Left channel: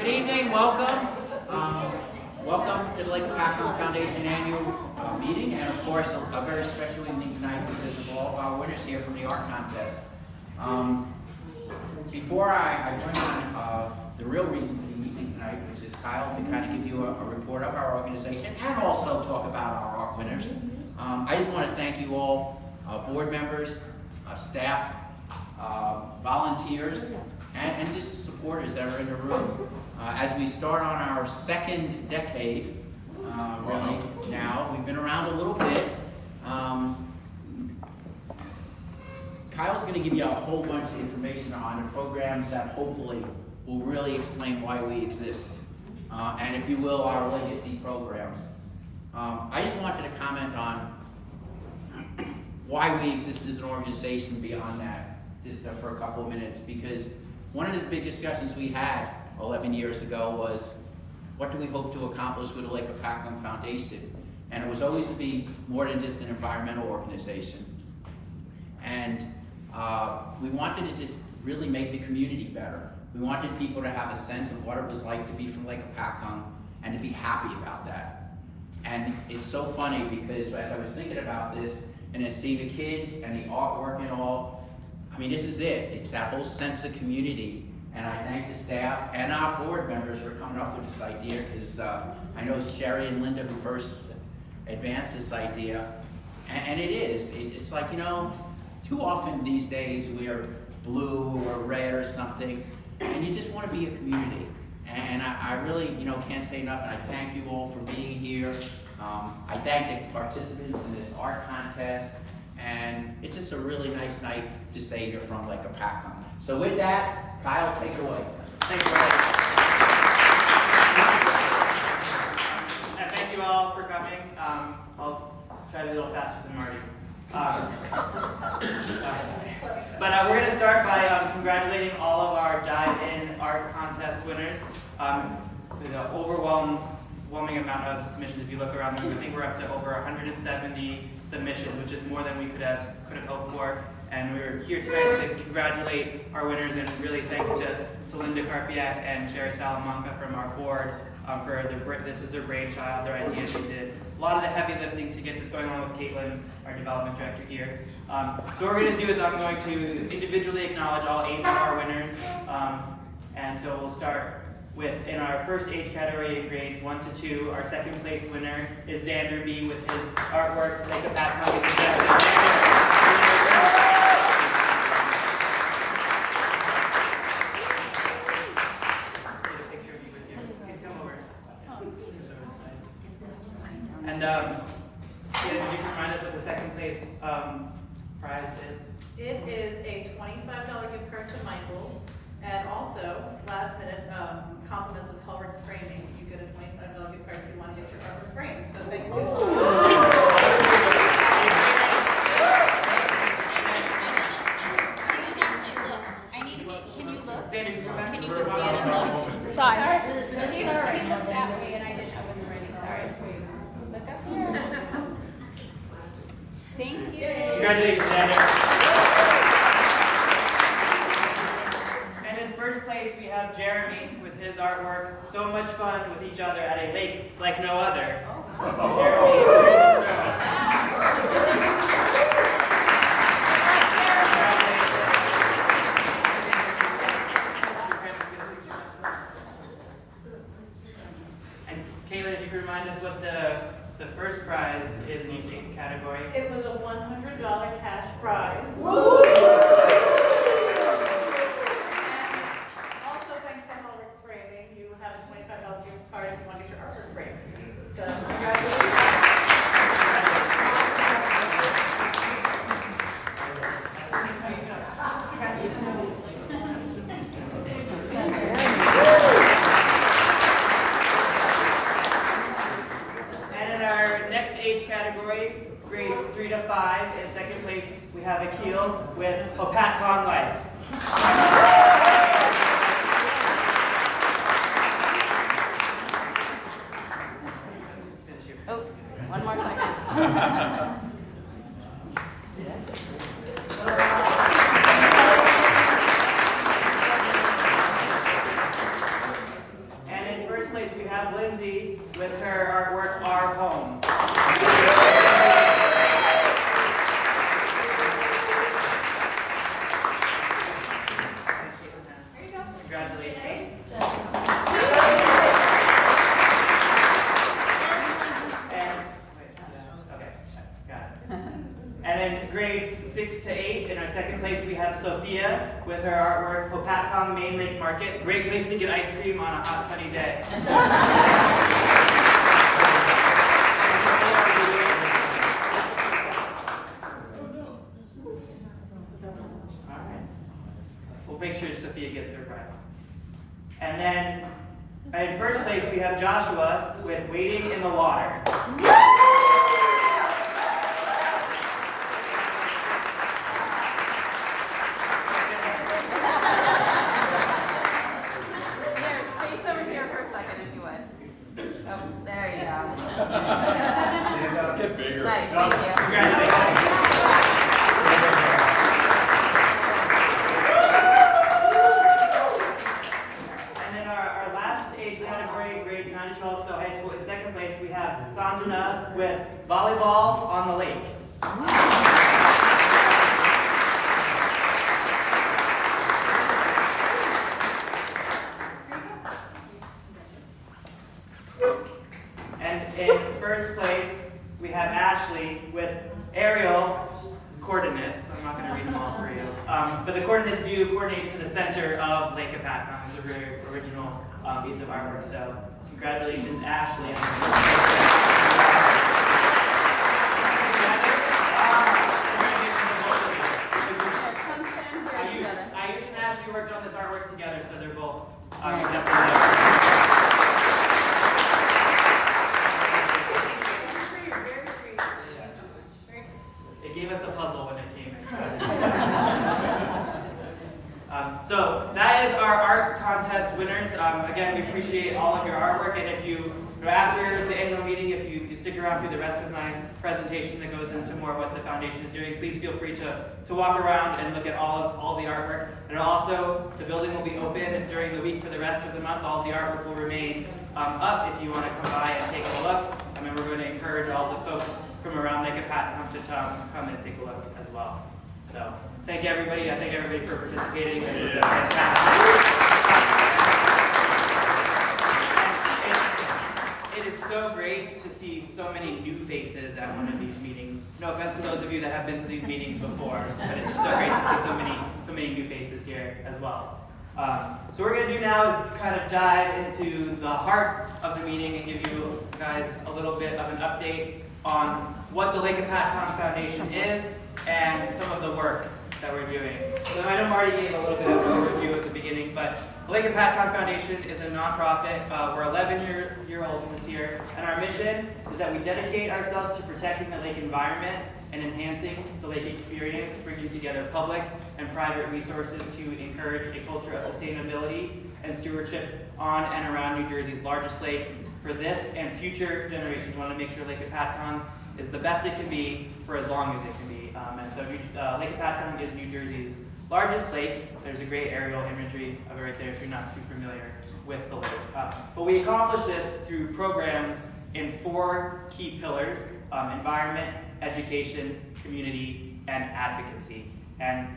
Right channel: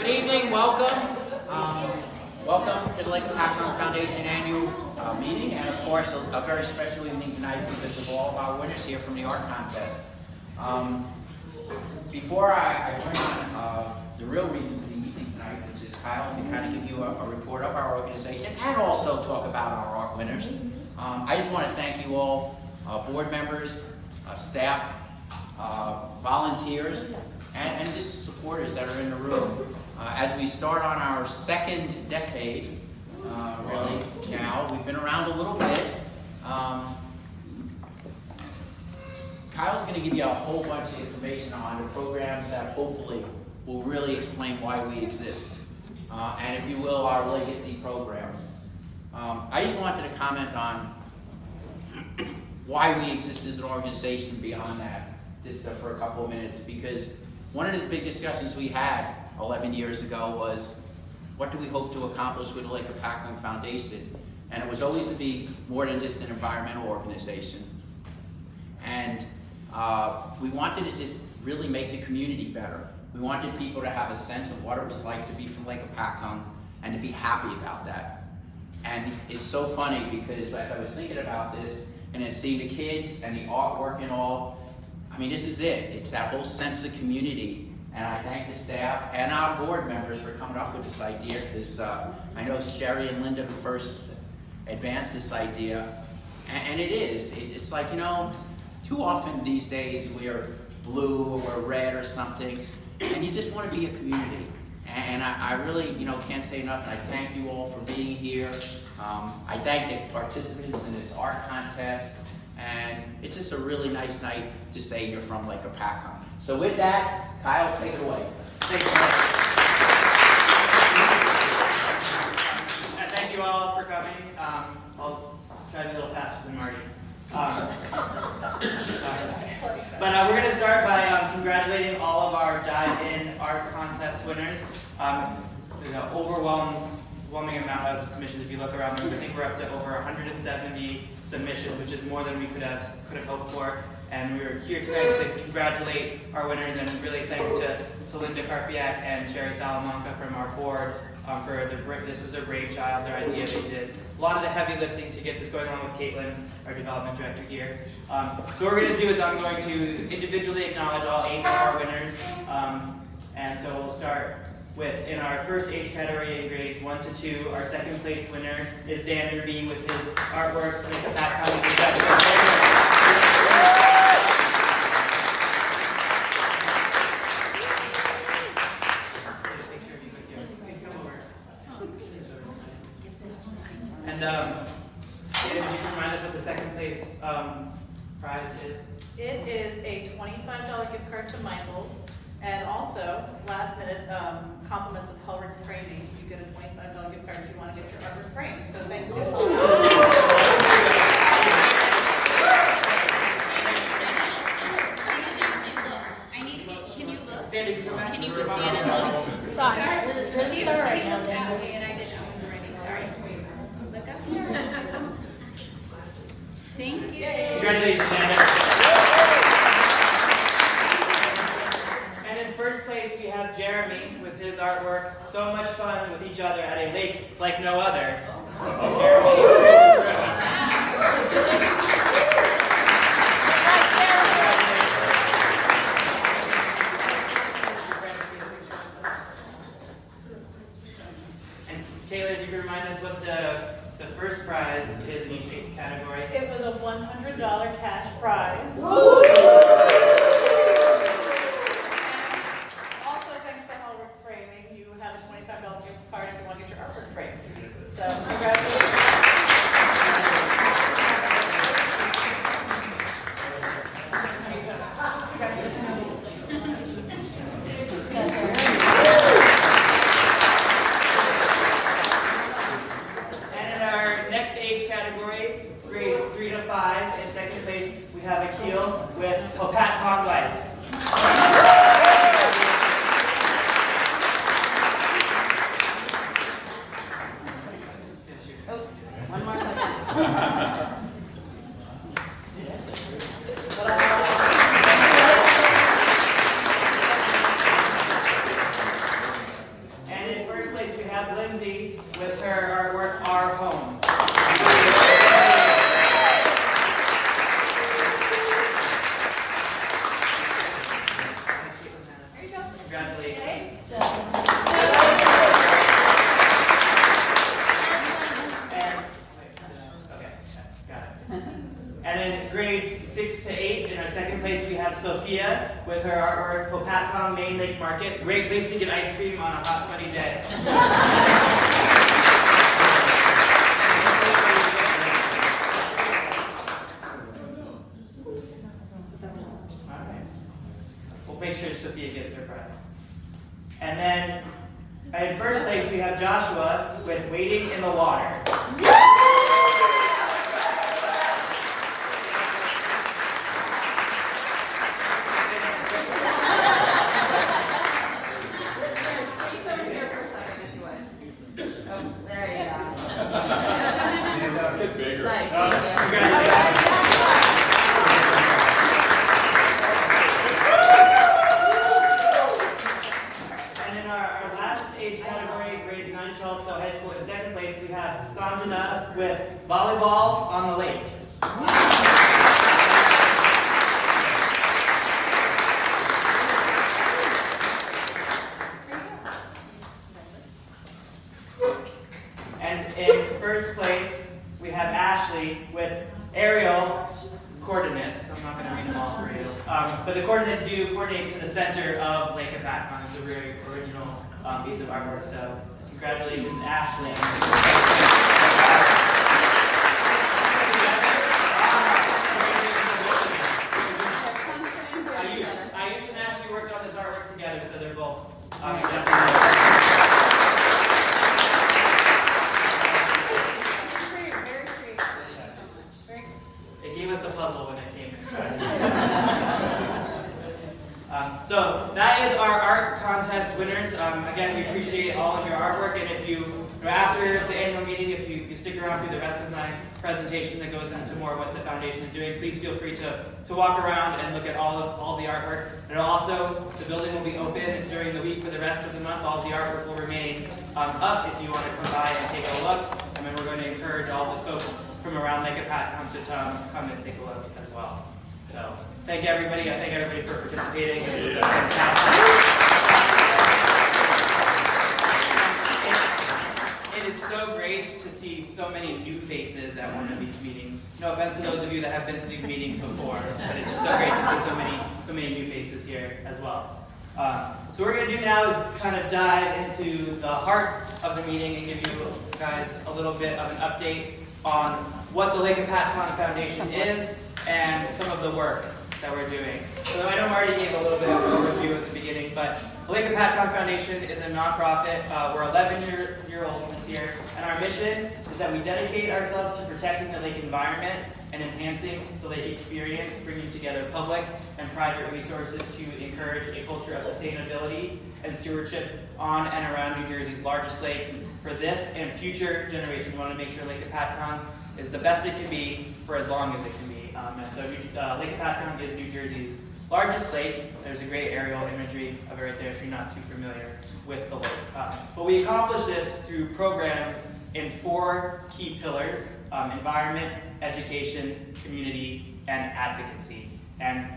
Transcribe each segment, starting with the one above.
Good evening, welcome. Welcome to the Lake Hopatcong Foundation annual meeting, and of course a very special evening tonight because of all of our winners here from the art contest. Before I bring on the real reason for the evening tonight, which is Kyle, to kind of give you a report of our organization and also talk about our art winners, I just want to thank you all, board members, staff, volunteers, and just supporters that are in the room. As we start on our second decade, really now, we've been around a little bit. Kyle's going to give you a whole bunch of information on the programs that hopefully will really explain why we exist. And if you will, our legacy programs. I just wanted to comment on why we exist as an organization beyond that, just for a couple of minutes, because one of the big discussions we had 11 years ago was, what do we hope to accomplish with the Lake Hopatcong Foundation? And it was always to be more than just an environmental organization. And we wanted to just really make the community better. We wanted people to have a sense of what it was like to be from Lake Hopatcong and to be happy about that. And it's so funny because as I was thinking about this and then seeing the kids and the artwork and all, I mean, this is it. It's that whole sense of community. And I thank the staff and our board members for coming up with this idea, because I know it's Sherry and Linda who first advanced this idea. And it is. It's like, you know, too often these days we're blue or we're red or something, and you just want to be a community. And I really, you know, can't say enough, and I thank you all for being here. I thank the participants in this art contest, and it's just a really nice night to say you're from Lake Hopatcong. So with that, Kyle, take it away. Thanks very much. And thank you all for coming. I'll try to be a little faster than Marty. But we're going to start by congratulating all of our dive-in art contest winners. There's an overwhelming amount of submissions. If you look around the room, I think we're up to over 170 submissions, which is more than we could have hoped for. And we're here tonight to congratulate our winners, and really thanks to Linda Karpiak and Sherry Salamanca from our board for this was their brainchild, their idea. They did a lot of the heavy lifting to get this going, along with Caitlin, our development director here. So what we're going to do is I'm going to individually acknowledge all 8 of our winners. And so we'll start with, in our first age category in grades 1 to 2, our second place winner is Xander B. with his artwork, Lake Hopatcong. And can you remind us what the second place prize is? It is a $25 gift card to Michael's, and also last minute compliments of Hellrick's framing. You get a $25 gift card if you want to get your artwork framed. So thanks to Xander, can you come back? Can you please look? Sorry. Sorry. Thank you. Congratulations, Xander. And in first place, we have Jeremy with his artwork, So Much Fun with Each Other at a Lake Like No Other. Jeremy. And Kayla, if you could remind us what the first prize is in each category. It was a $100 cash prize. And also thanks to Hellrick's framing, you have a $25 gift card if you want to get your artwork framed. So congratulations. Category, grades 3 to 5. In second place, we have Akil with Hopatcong Life. One more second. we have Lindsay with her artwork, Our Home. Congratulations. And in grades 6 to 8, in our second place, we have Sophia with her artwork, Hopatcong Main Lake Market. Great place to get ice cream on a hot, sunny day. All right. We'll make sure Sophia gets her prize. And then in first place, we have Joshua with Waiting in the Water. With Volleyball on the Lake. And in first place, we have Ashley with aerial coordinates. I'm not going to read them all for you. But the coordinates do coordinate to the center of Lake Hopatcong. It's a very original piece of artwork. So congratulations, Ashley. Ayush and Ashley worked on this artwork together, so they're both accepting It gave us a puzzle when it came in. So that is our art contest winners. Again, we appreciate all of your artwork, and if you, after the annual meeting, if you stick around through the rest of my presentation that goes into more of what the foundation is doing, please feel free to walk around and look at all the artwork. And also, the building will be open during the week for the rest of the month. All the artwork will remain up if you want to come by and take a look. And then we're going to encourage all the folks from around Lake Hopatcong to come and take a look as well. So, thank everybody. I thank everybody for participating. This was a fantastic. It is so great to see so many new faces at one of these meetings. No offense to those of you that have been to these meetings before, but it's just so great to see so many new faces here as well. So what we're going to do now is kind of dive into the heart of the meeting and give you guys a little bit of an update on what the Lake Hopatcong Foundation is and some of the work that we're doing. So I know Marty gave a little bit of an overview at the beginning, but the Lake Hopatcong Foundation is a nonprofit. We're 11-year-old this year, and our mission is that we dedicate ourselves to protecting the lake environment and enhancing the lake experience, bringing together public and private resources to encourage a culture of sustainability and stewardship on and around New Jersey's largest lake for this and future generations. We want to make sure Lake Hopatcong is the best it can be for as long as it can be. And so Lake Hopatcong is New Jersey's largest lake. There's a great aerial imagery of it right there if you're not too familiar with the lake. But we accomplish this through programs in 4 key pillars: environment, education, community, and advocacy. And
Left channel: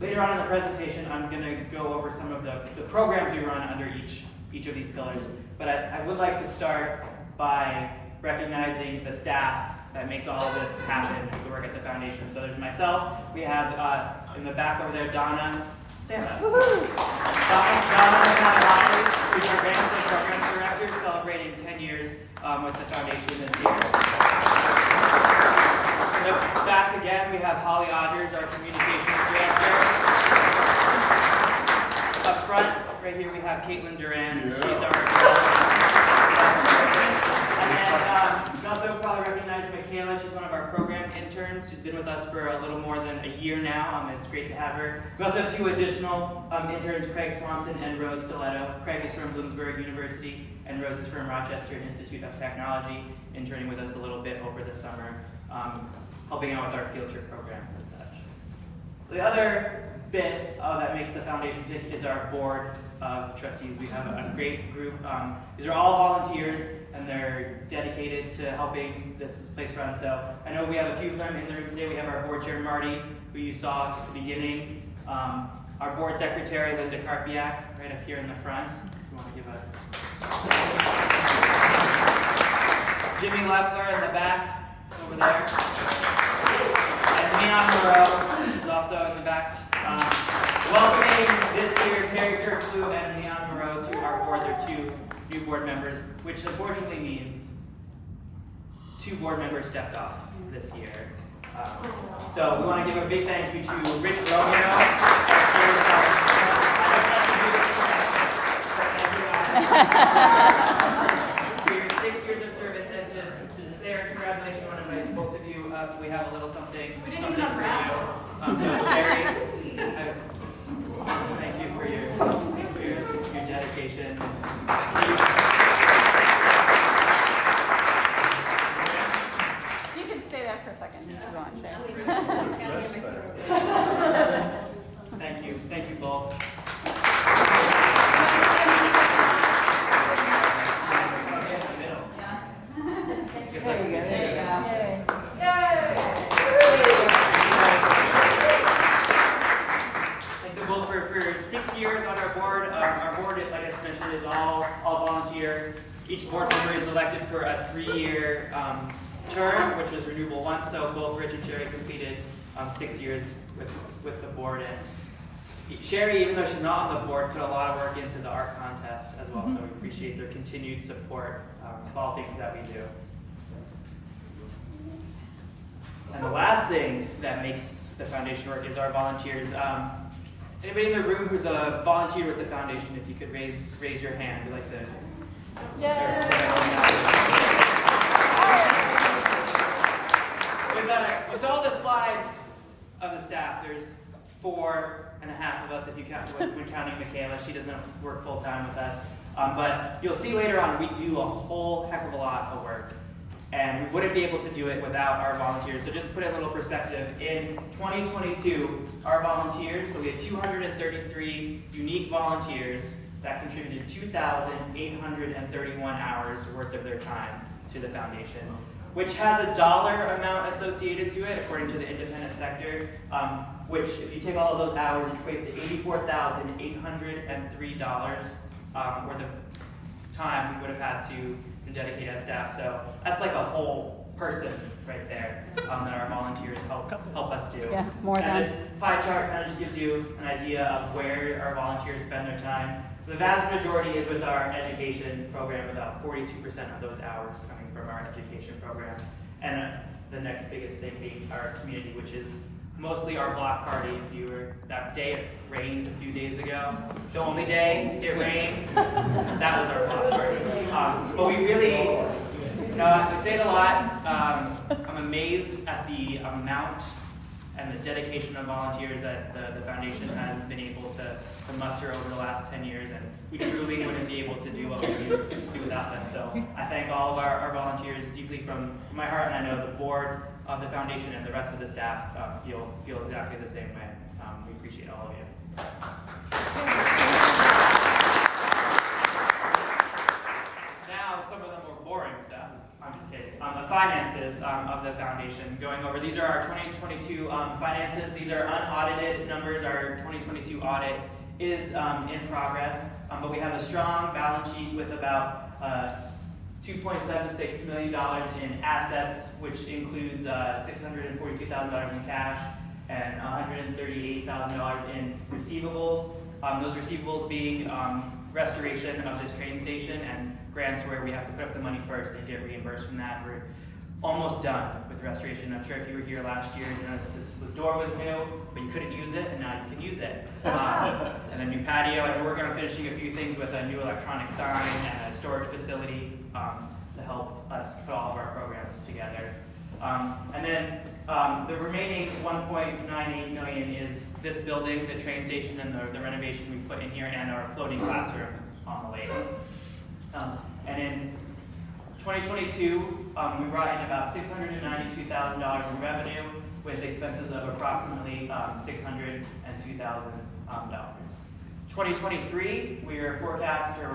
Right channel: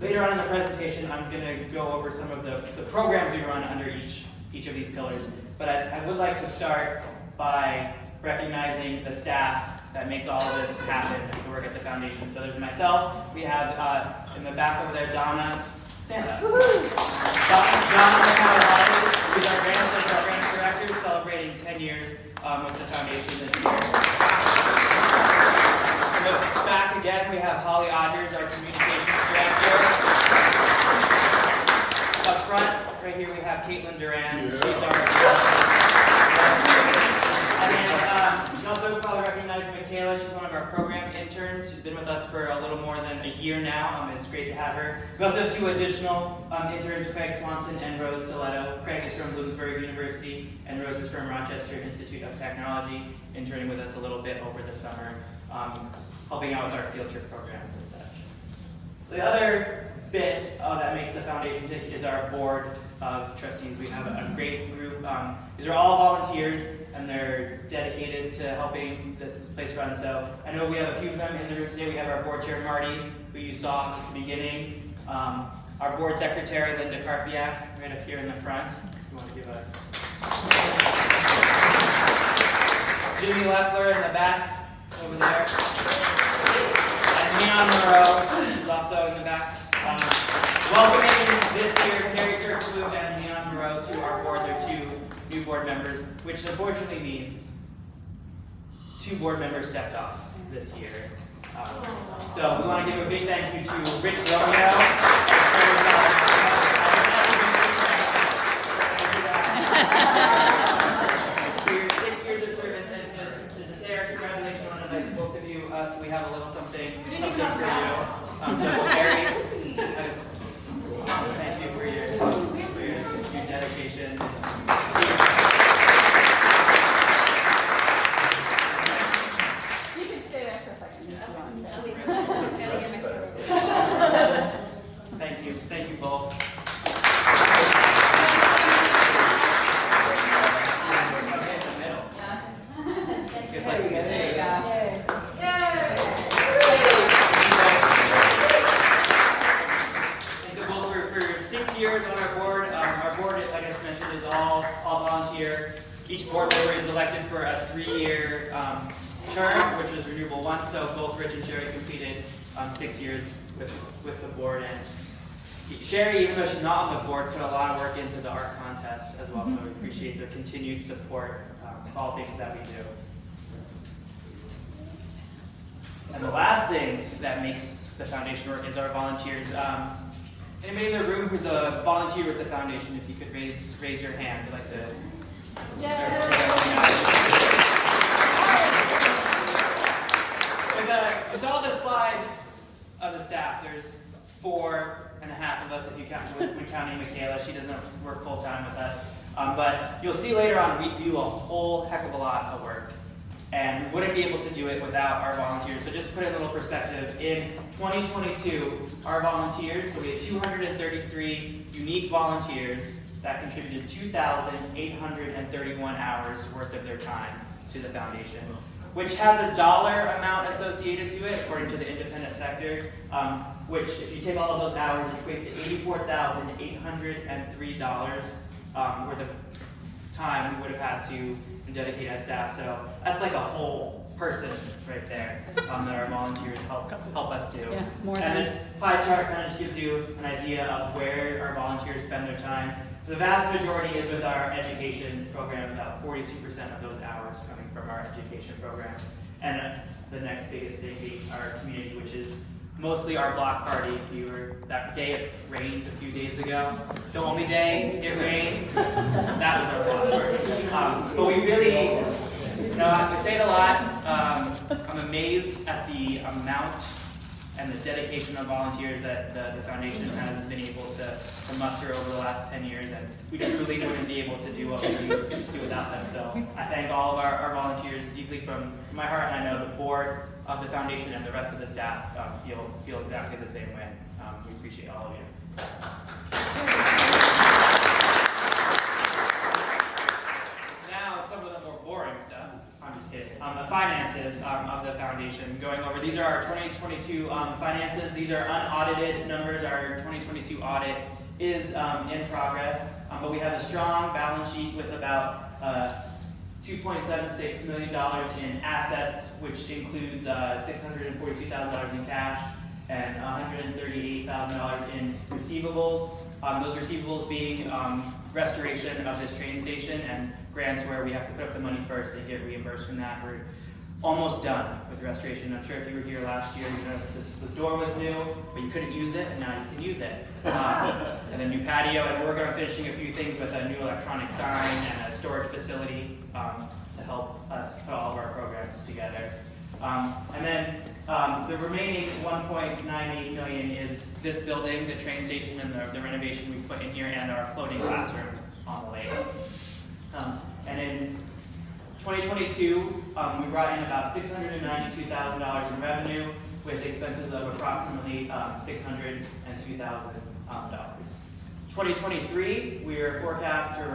later on in the presentation, I'm going to go over some of the programs we run under each of these pillars. But I would like to start by recognizing the staff that makes all of this happen, the work at the foundation. So there's myself. We have in the back over there, Donna. Stand up. Donna McCallum, who's our Grants and Programs Director, celebrating 10 years with the foundation this year. In the back again, we have Holly Odgers, our Communications Director. Up front, right here, we have Caitlin Duran. She's our And you also probably recognize Michaela. She's one of our program interns. She's been with us for a little more than a year now. It's great to have her. We also have 2 additional interns, Craig Swanson and Rose Stiletto. Craig is from Bloomsburg University, and Rose is from Rochester Institute of Technology, interning with us a little bit over the summer, helping out with our field trip program and such. The other bit that makes the foundation tick is our board of trustees. We have a great group. These are all volunteers, and they're dedicated to helping this place run. So I know we have a few of them in the room today. We have our board chair, Marty, who you saw at the beginning. Our board secretary, Linda Karpiak, right up here in the front. If you want to give a... Jimmy Leffler in the back, over there. And Leon Moreau is also in the back. Welcoming this year Terry Kirkflew and Leon Moreau to our board. They're two new board members, which unfortunately means 2 board members stepped off this year. So we want to give a big thank you to Rich Romeo for your 6 years of service, and to say our congratulations. I want to invite both of you up. We have a little something for you. So Sherry, thank you for your dedication. You can stay there for a second if you want. Thank you both. For 6 years on our board, like I mentioned, is all volunteer. Each board member is elected for a 3-year term, which is renewable once. So both Rich and Sherry completed 6 years with the board. And Sherry, even though she's not on the board, put a lot of work into the art contest as well. So we appreciate their continued support of all things that we do. And the last thing that makes the foundation work is our volunteers. Anybody in the room who's a volunteer with the foundation, if you could raise your hand. We'd like to we saw the slide of the staff. There's 4.5 of us if you count when counting Michaela. She doesn't work full time with us. But you'll see later on we do a whole heck of a lot of work. And we wouldn't be able to do it without our volunteers. So just to put it in a little perspective, in 2022, our volunteers, so we had 233 unique volunteers that contributed 2,831 hours worth of their time to the foundation, which has a dollar amount associated to it, according to the independent sector, which if you take all of those hours, it equates to $84,803 worth of time we would have had to dedicate as staff. So that's like a whole person right there that our volunteers help us do. Yeah, and this pie chart kind of just gives you an idea of where our volunteers spend their time. The vast majority is with our education program, about 42% of those hours coming from our education program. And the next biggest thing being our community, which is mostly our block party. That day it rained a few days ago. The only day it rained, that was our block party. But we really, I say it a lot. I'm amazed at the amount and the dedication of volunteers that the foundation has been able to muster over the last 10 years, and we truly wouldn't be able to do what we do without them. So I thank all of our volunteers deeply from my heart, and I know the board of the foundation and the rest of the staff feel exactly the same way. We appreciate all of you. Now, some of the more boring stuff. I'm just kidding. The finances of the foundation. Going over, these are our 2022 finances. These are unaudited numbers. Our 2022 audit is in progress, but we have a strong balance sheet with about $2.76 million in assets, which includes $642,000 in cash and $138,000 in receivables. Those receivables being restoration of this train station and grants where we have to put up the money first and get reimbursed from that. We're almost done with restoration. I'm sure if you were here last year, you noticed the door was new, but you couldn't use it, and now you can use it. And then new patio, and we're working on finishing a few things with a new electronic sign and a storage facility to help us put all of our programs together. And then the remaining $1.98 million is this building, the train station, and the renovation we put in here, and our floating classroom on the lake. And in 2022, we brought in about $692,000 in revenue. with expenses of approximately $602,000. 2023, we're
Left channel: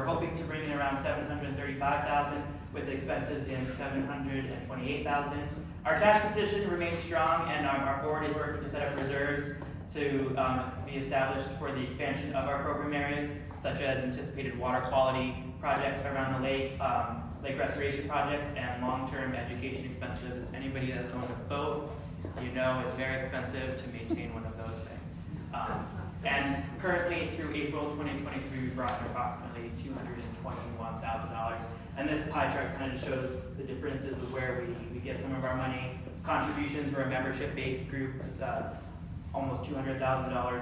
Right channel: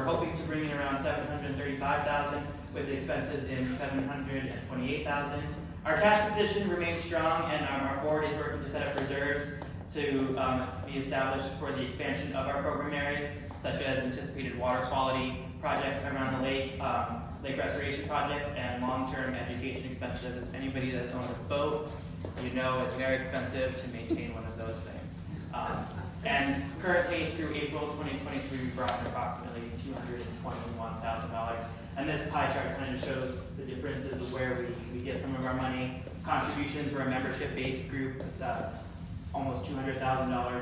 hoping to bring in around $735,000 with expenses in $728,000. Our cash position remains strong, and our board is working to set up reserves to be established for the expansion of our program areas, such as anticipated water quality projects around the lake, lake restoration projects, and long-term education expenses. Anybody that has owned a boat, you know it's very expensive to maintain one of those things. And currently, through April 2023, we brought in approximately $221,000. And this pie chart kind of shows the differences of where we get some of our money. Contributions, we're a membership-based group. It's almost $200,000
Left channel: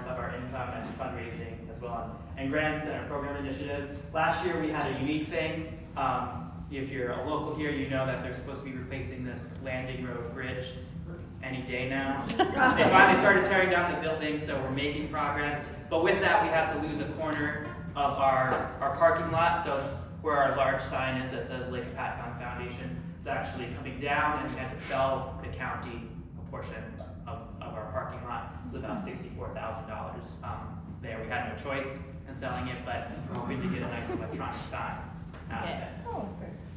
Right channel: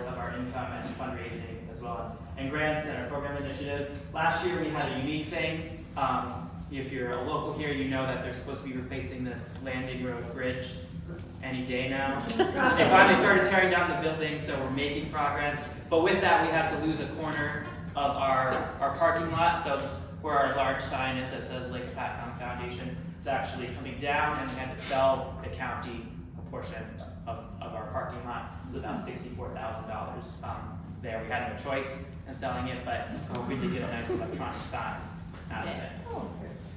of our income and fundraising as well. And grants and our program initiative. Last year, we had a unique thing. If you're a local here, you know that they're supposed to be replacing this landing road bridge any day now. They finally started tearing down the building, so we're making progress. But with that, we had to lose a corner of our parking lot. So where our large sign is that says Lake Hopatcong Foundation is actually coming down, and we had to sell the county a portion of our parking lot. So about $64,000 there. We had no choice in selling it, but we're hoping to get a nice electronic sign out of it.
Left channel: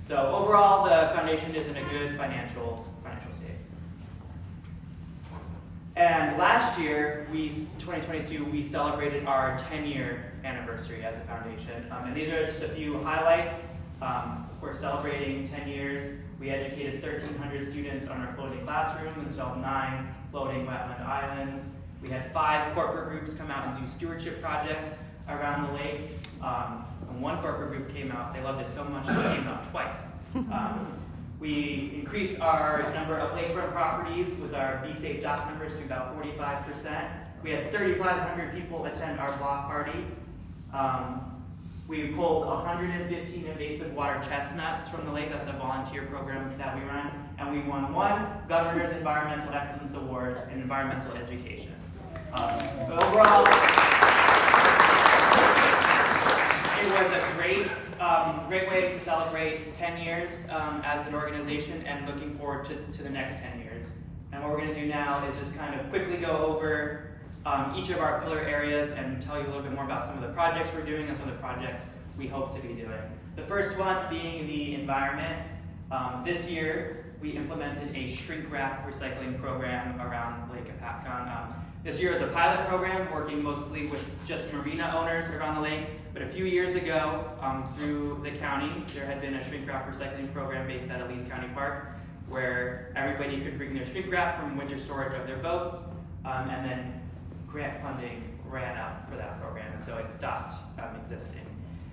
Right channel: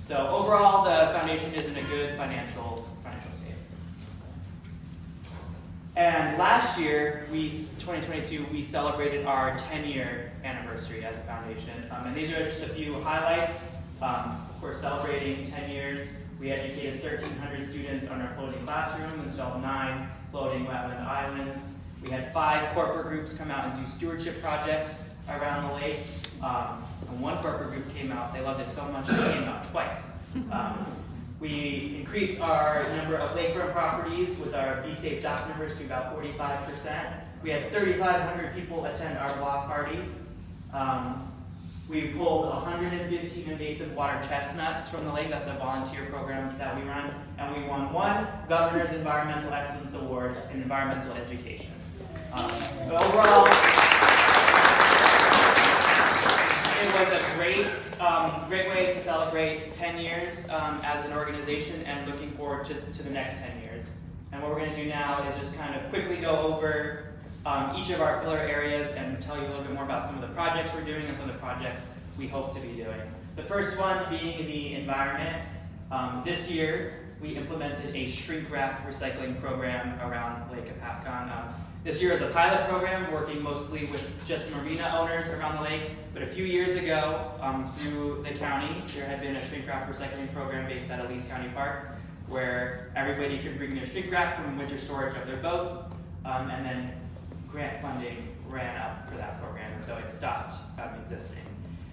So overall, the foundation is in a good financial state. And last year, 2022, we celebrated our 10-year anniversary as a foundation. And these are just a few highlights. We're celebrating 10 years. We educated 1,300 students on our floating classroom, installed 9 floating wetland islands. We had 5 corporate groups come out and do stewardship projects around the lake. And one corporate group came out, they loved it so much, they came out twice. We increased our number of lakefront properties with our Be Safe dock numbers to about 45%. We had 3,500 people attend our block party. We pulled 115 invasive water chestnuts from the lake. That's a volunteer program that we run. And we won 1 Governor's Environmental Excellence Award in environmental education. Overall, it was a great way to celebrate 10 years as an organization, and looking forward to the next 10 years. And what we're going to do now is just kind of quickly go over each of our pillar areas and tell you a little bit more about some of the projects we're doing and some of the projects we hope to be doing. The first one being the environment. This year, we implemented a shrink wrap recycling program around Lake Hopatcong. This year is a pilot program working mostly with just marina owners around the lake, but a few years ago, through the county, there had been a shrink wrap recycling program based at Elise County Park, where everybody could bring their shrink wrap from winter storage of their boats, and then grant funding ran out for that program, and so it stopped existing.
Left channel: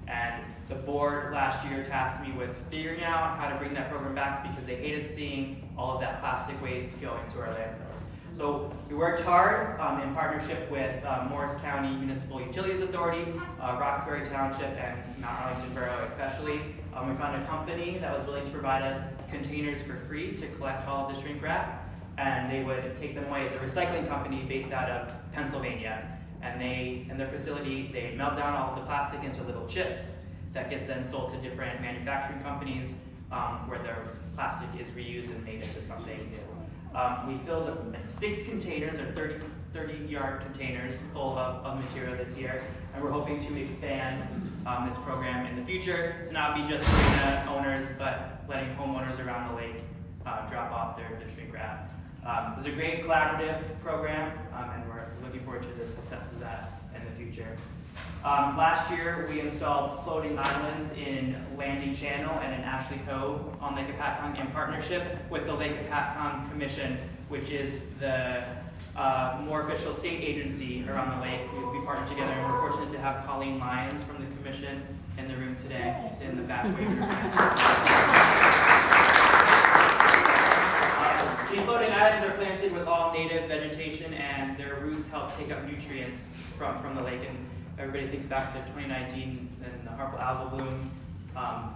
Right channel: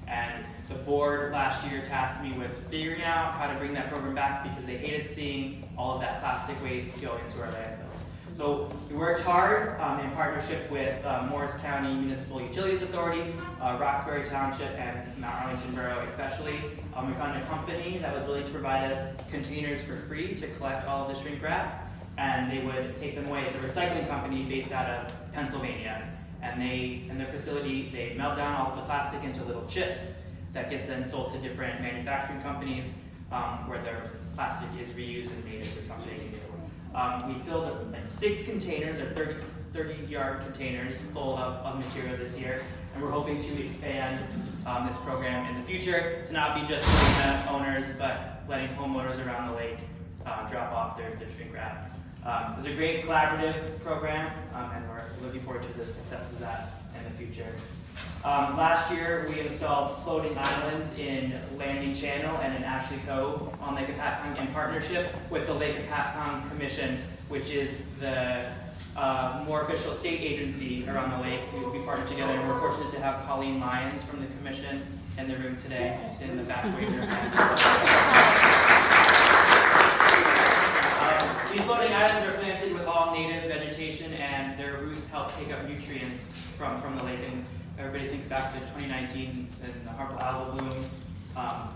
And the board last year tasked me with figuring out how to bring that program back because they hated seeing all of that plastic waste go into our landfills. So we worked hard in partnership with Morris County Municipal Utilities Authority, Roxbury Township, and Mount Arlington Borough especially. We found a company that was willing to provide us containers for free to collect all of the shrink wrap, and they would take them away. It's a recycling company based out of Pennsylvania. And in their facility, they melt down all of the plastic into little chips that gets then sold to different manufacturing companies where their plastic is reused and made into something new. We filled 6 containers, or 30-yard containers full of material this year, and we're hoping to expand this program in the future to not be just marina owners, but letting homeowners around the lake drop off their shrink wrap. It was a great collaborative program, and we're looking forward to the success of that in the future. Last year, we installed floating islands in Landing Channel and in Ashley Cove on Lake Hopatcong in partnership with the Lake Hopatcong Commission, which is the more official state agency around the lake. We partnered together, and we're fortunate to have Colleen Lyons from the commission in the room today. She's in the back waving her hand. These floating islands are planted with all native vegetation, and their roots help take up nutrients from the lake. And everybody thinks back to 2019 and the harmful algal bloom.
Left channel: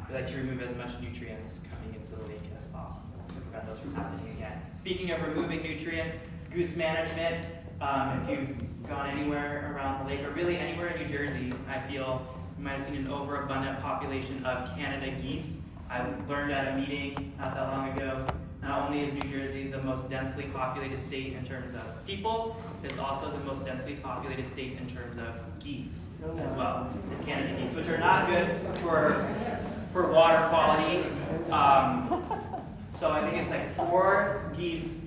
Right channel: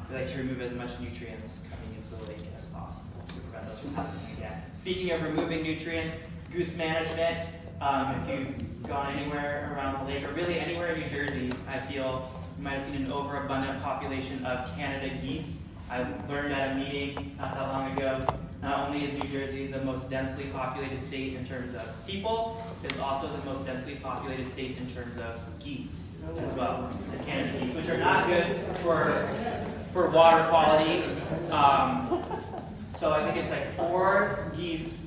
We like to remove as much nutrients coming into the lake as possible to prevent those from happening again. Speaking of removing nutrients, Goose Management. If you've gone anywhere around the lake, or really anywhere in New Jersey, I feel you might have seen an overabundant population of Canada geese. I learned at a meeting not that long ago Not only is New Jersey the most densely populated state in terms of people, it's also the most densely populated state in terms of geese as well. The Canada geese, which are not good for water quality. So I think it's like 4 geese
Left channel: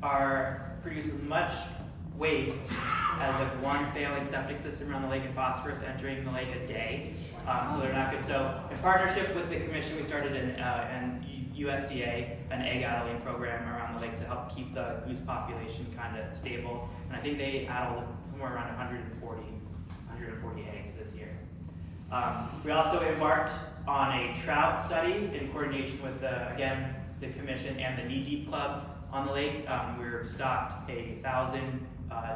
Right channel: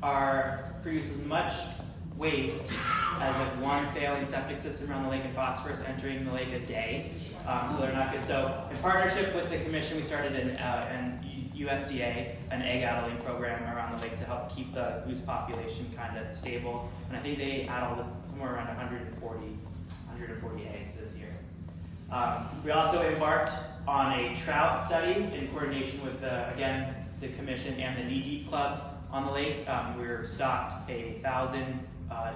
produce as much waste as like 1 failing septic system around the lake and phosphorus entering the lake a day. So they're not good. So in partnership with the commission, we started an USDA, an egg addling program around the lake to help keep the goose population kind of stable. And I think they addled somewhere around 140 eggs this year. We also embarked on a trout study in coordination with again, the commission and the Knee Deep Club on the lake. We're stocked 1,000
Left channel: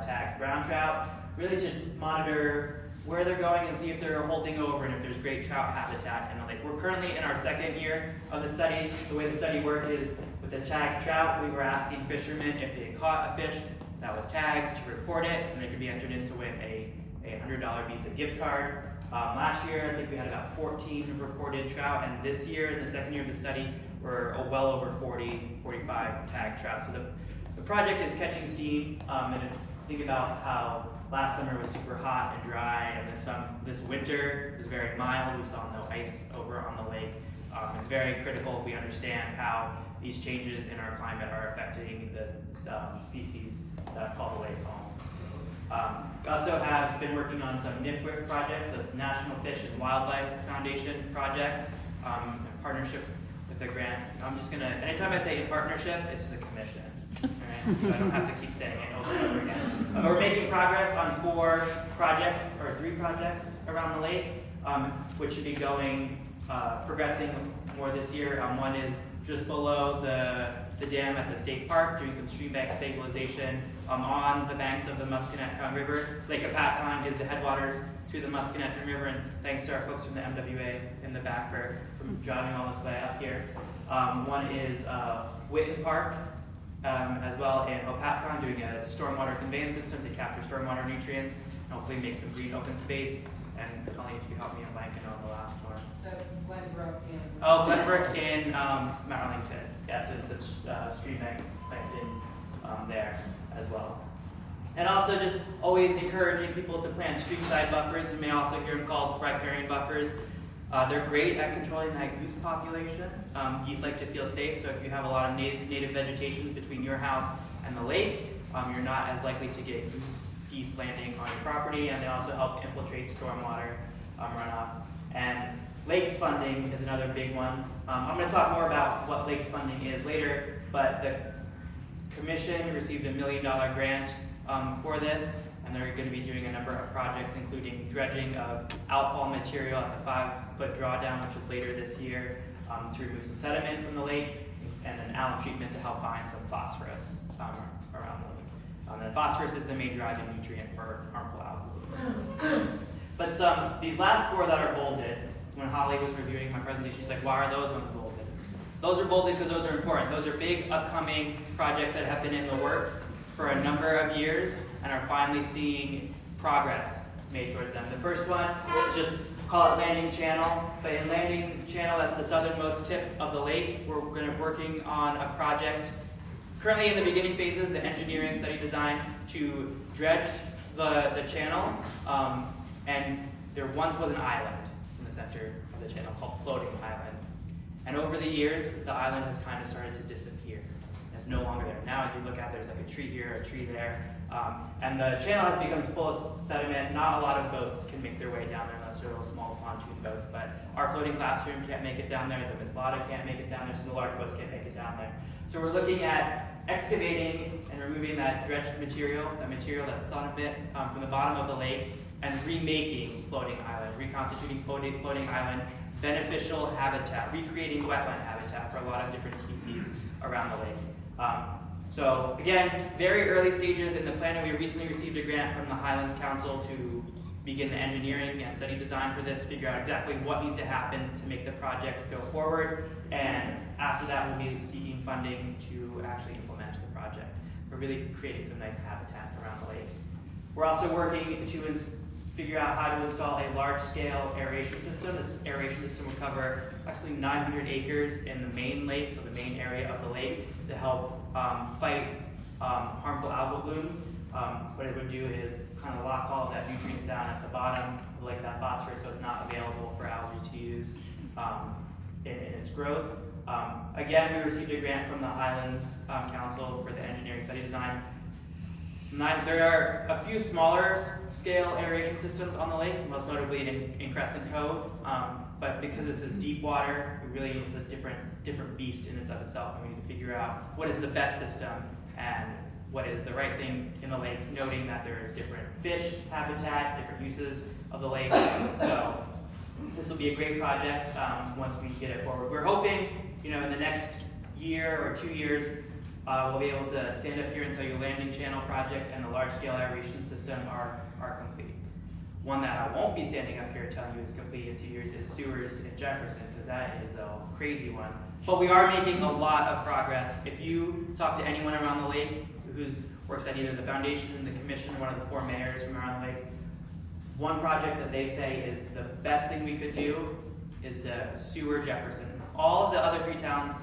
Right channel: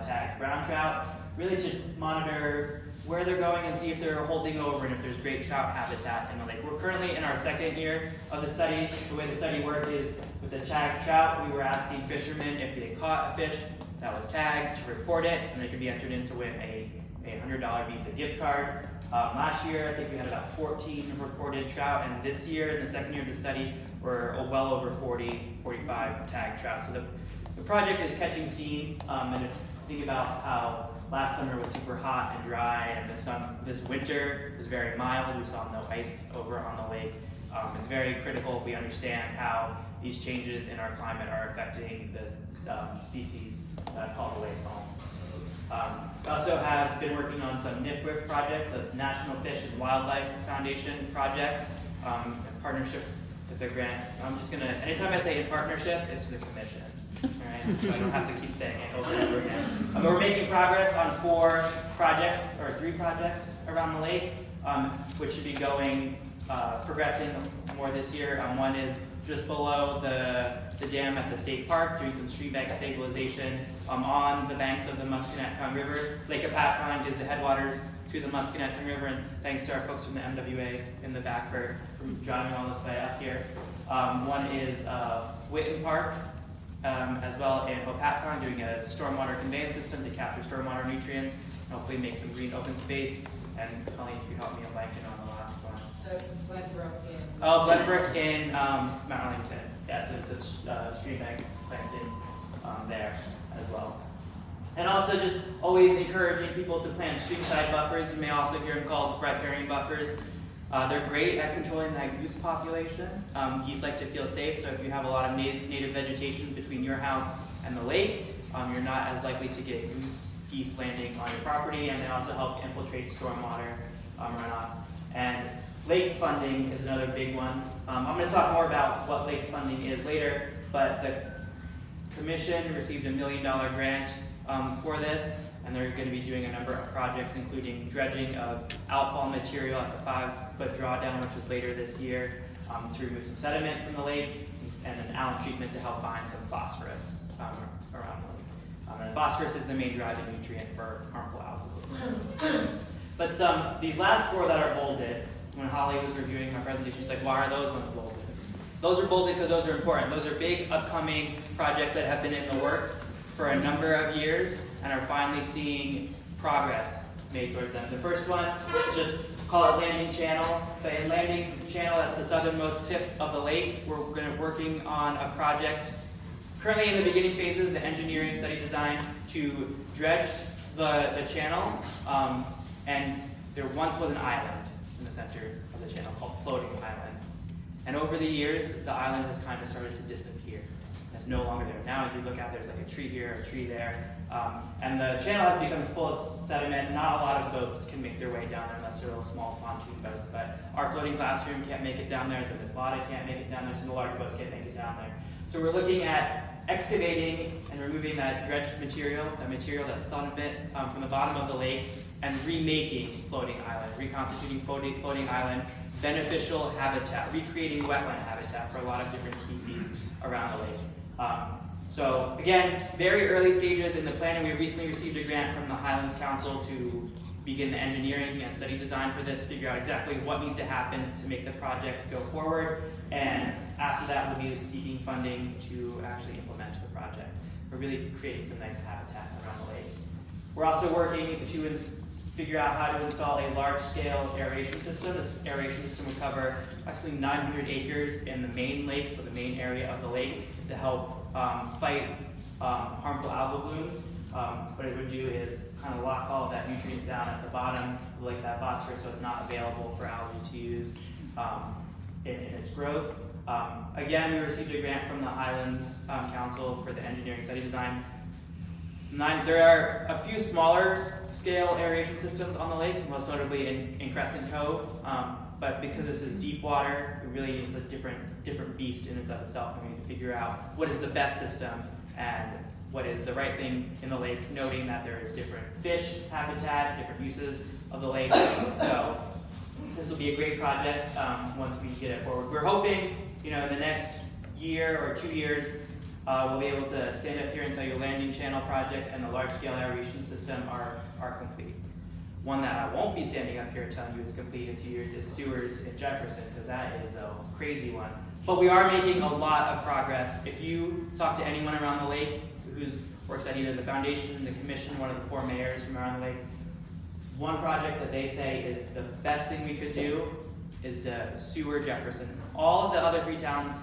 tagged brown trout, really to monitor where they're going and see if they're holding over and if there's great trout habitat in the lake. We're currently in our 2nd year of the study. The way the study worked is with the tagged trout, we were asking fishermen if they caught a fish that was tagged to report it, and they could be entered in to win a $100 Visa gift card. Last year, I think we had about 14 reported trout, and this year, in the 2nd year of the study, we're well over 45 tagged trout. So the project is catching steam, and if you think about how last summer was super hot and dry, and this winter was very mild. We saw no ice over on the lake. It's very critical we understand how these changes in our climate are affecting the species that call the lake home. We also have been working on some NIFWIF projects, so it's National Fish and Wildlife Foundation projects, in partnership with the grant. I'm just gonna, anytime I say in partnership, it's the commission. Alright, so I don't have to keep saying it over and over again. We're making progress on 4 projects, or 3 projects around the lake, which should be progressing more this year. One is just below the dam at the state park, doing some stream bank stabilization on the banks of the Musconetcong River. Lake Hopatcong is the headwaters to the Musconetcong River, and thanks to our folks from the MWA in the back for driving all this way up here. One is Witten Park, as well in Hopatcong, doing a stormwater conveyance system to capture stormwater nutrients and hopefully make some green open space. And Colleen, if you help me, I'm blanking on the last one. So Glenbrook in... Oh, Glenbrook in Mount Arlington. Yeah, so it's a stream bank ins there as well. And also just always encouraging people to plant streamside buffers. You may also hear them called riparian buffers. They're great at controlling that goose population. Geese like to feel safe, so if you have a lot of native vegetation between your house and the lake, you're not as likely to get geese landing on your property, and they also help infiltrate stormwater runoff. And lakes funding is another big one. I'm going to talk more about what lakes funding is later, but the commission received $1 million grant for this, and they're going to be doing a number of projects, including dredging of outfall material at the 5-foot drawdown, which is later this year, to remove some sediment from the lake, and an alum treatment to help bind some phosphorus around the lake. And phosphorus is the main driving nutrient for harmful algal blooms. But these last 4 that are bolded, when Holly was reviewing my presentation, she's like, why are those ones bolded? Those are bolded because those are important. Those are big upcoming projects that have been in the works for a number of years and are finally seeing progress made towards them. The first one, just call it Landing Channel. But in Landing Channel, that's the southernmost tip of the lake. We're working on a project currently in the beginning phases, the engineering study design, to dredge the channel. And there once was an island in the center of the channel called Floating Island. And over the years, the island has kind of started to disappear. It's no longer there. Now if you look out, there's like a tree here, a tree there. And the channel has become full of sediment. Not a lot of boats can make their way down there unless they're little small pontoon boats. But our floating classroom can't make it down there. The Miss Lotta can't make it down there. So the large boats can't make it down there. So we're looking at excavating and removing that dredged material, that's sediment from the bottom of the lake, and remaking Floating Island, reconstituting Floating Island, beneficial habitat, recreating wetland habitat for a lot of different species around the lake. So again, very early stages in the planning. We recently received a grant from the Highlands Council to begin the engineering and study design for this, figure out exactly what needs to happen to make the project go forward, and after that we'll be seeking funding to actually implement the project. We're really creating some nice habitat around the lake. We're also working to figure out how to install a large-scale aeration system. This aeration system would cover actually 900 acres in the main lake, so the main area of the lake, to help fight harmful algal blooms. What it would do is kind of lock all of that nutrients down at the bottom of the lake, that phosphorus, so it's not available for algae to use in its growth. Again, we received a grant from the Highlands Council for the engineering study design. There are a few smaller scale aeration systems on the lake, most notably in Crescent Cove, but because this is deep water, it really is a different beast in and of itself, and we need to figure out what is the best system and what is the right thing in the lake, noting that there is different fish habitat, different uses of the lake. So this will be a great project once we get it forward. We're hoping, in the next year or 2 years, we'll be able to stand up here and tell you landing channel project and the large-scale aeration system are complete. One that I won't be standing up here telling you is complete in 2 years is sewers in Jefferson, because that is a crazy one. But we are making a lot of progress. If you talk to anyone around the lake who works at either the foundation, the commission, one of the 4 mayors from around the lake, one project that they say is the best thing we could do is sewer Jefferson. All of the other 3 towns,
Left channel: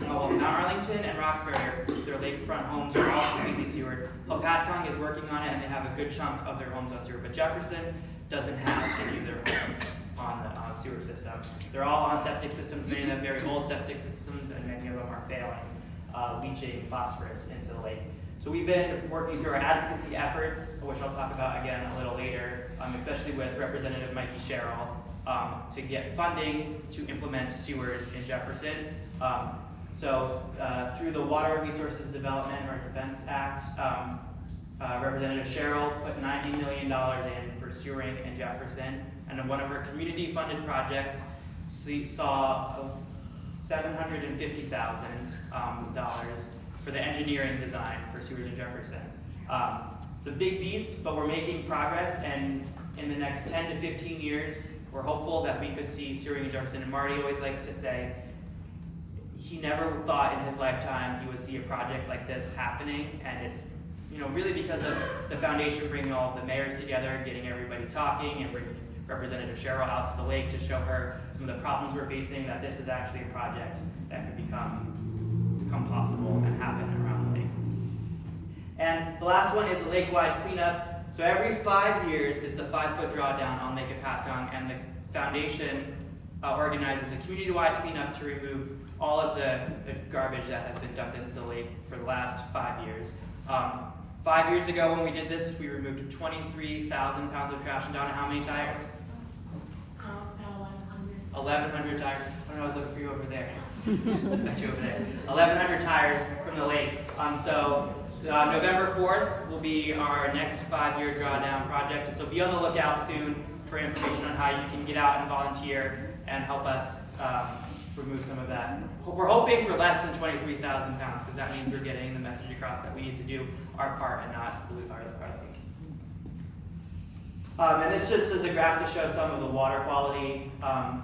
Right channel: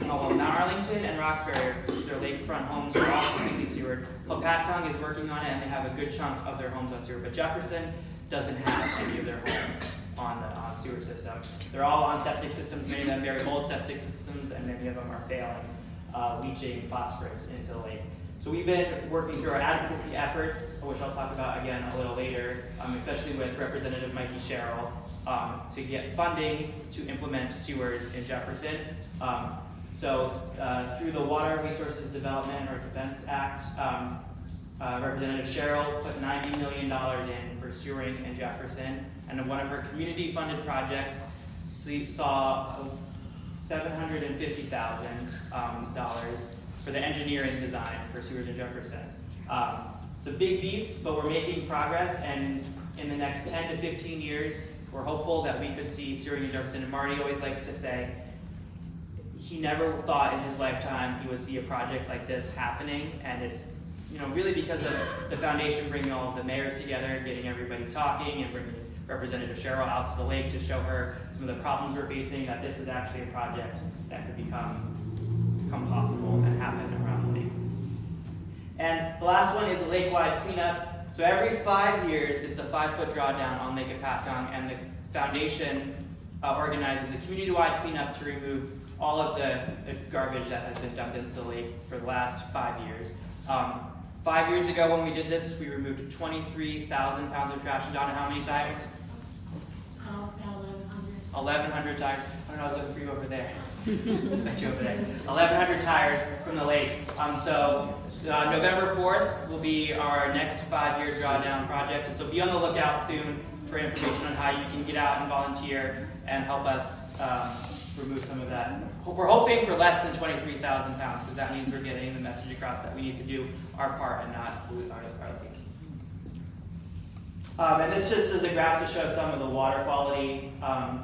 Mount Arlington and Roxbury, their lakefront homes are all completely sewered. Hopatcong is working on it, and they have a good chunk of their homes on sewer, but Jefferson doesn't have any of their homes on the sewer system. They're all on septic systems, many of them very old septic systems, and many of them are failing, leaching phosphorus into the lake. So we've been working through our advocacy efforts, which I'll talk about again a little later, especially with Representative Mikey Sherrill, to get funding to implement sewers in Jefferson. So through the Water Resources Development or Defense Act, Representative Sherrill put $90 million in for sewering in Jefferson, and one of her community-funded projects saw $750,000 for the engineering design for sewers in Jefferson. It's a big beast, but we're making progress, and in the next 10 to 15 years, we're hopeful that we could see sewering in Jefferson. And Marty always likes to say he never thought in his lifetime he would see a project like this happening, and it's really because of the foundation bringing all of the mayors together, getting everybody talking, and bringing Representative Sherrill out to the lake to show her some of the problems we're facing, that this is actually a project that could become possible and happen around the lake. And the last one is a lake-wide cleanup. So every 5 years is the 5-foot drawdown on Lake Hopatcong, and the foundation organizes a community-wide cleanup to remove all of the garbage that has been dumped into the lake for the last 5 years. 5 years ago when we did this, we removed 23,000 pounds of trash. And Donna, how many tires? 1,100 tires. I don't know, I was looking for you over there. Expect you over there. 1,100 tires from the lake. So November 4th will be our next 5-year drawdown project. So be on the lookout soon for information on how you can get out and volunteer and help us remove some of that. We're hoping for less than 23,000 pounds, because that means we're getting the message across that we need to do our part and not pollute our lake. And this just is a graph to show some of the water quality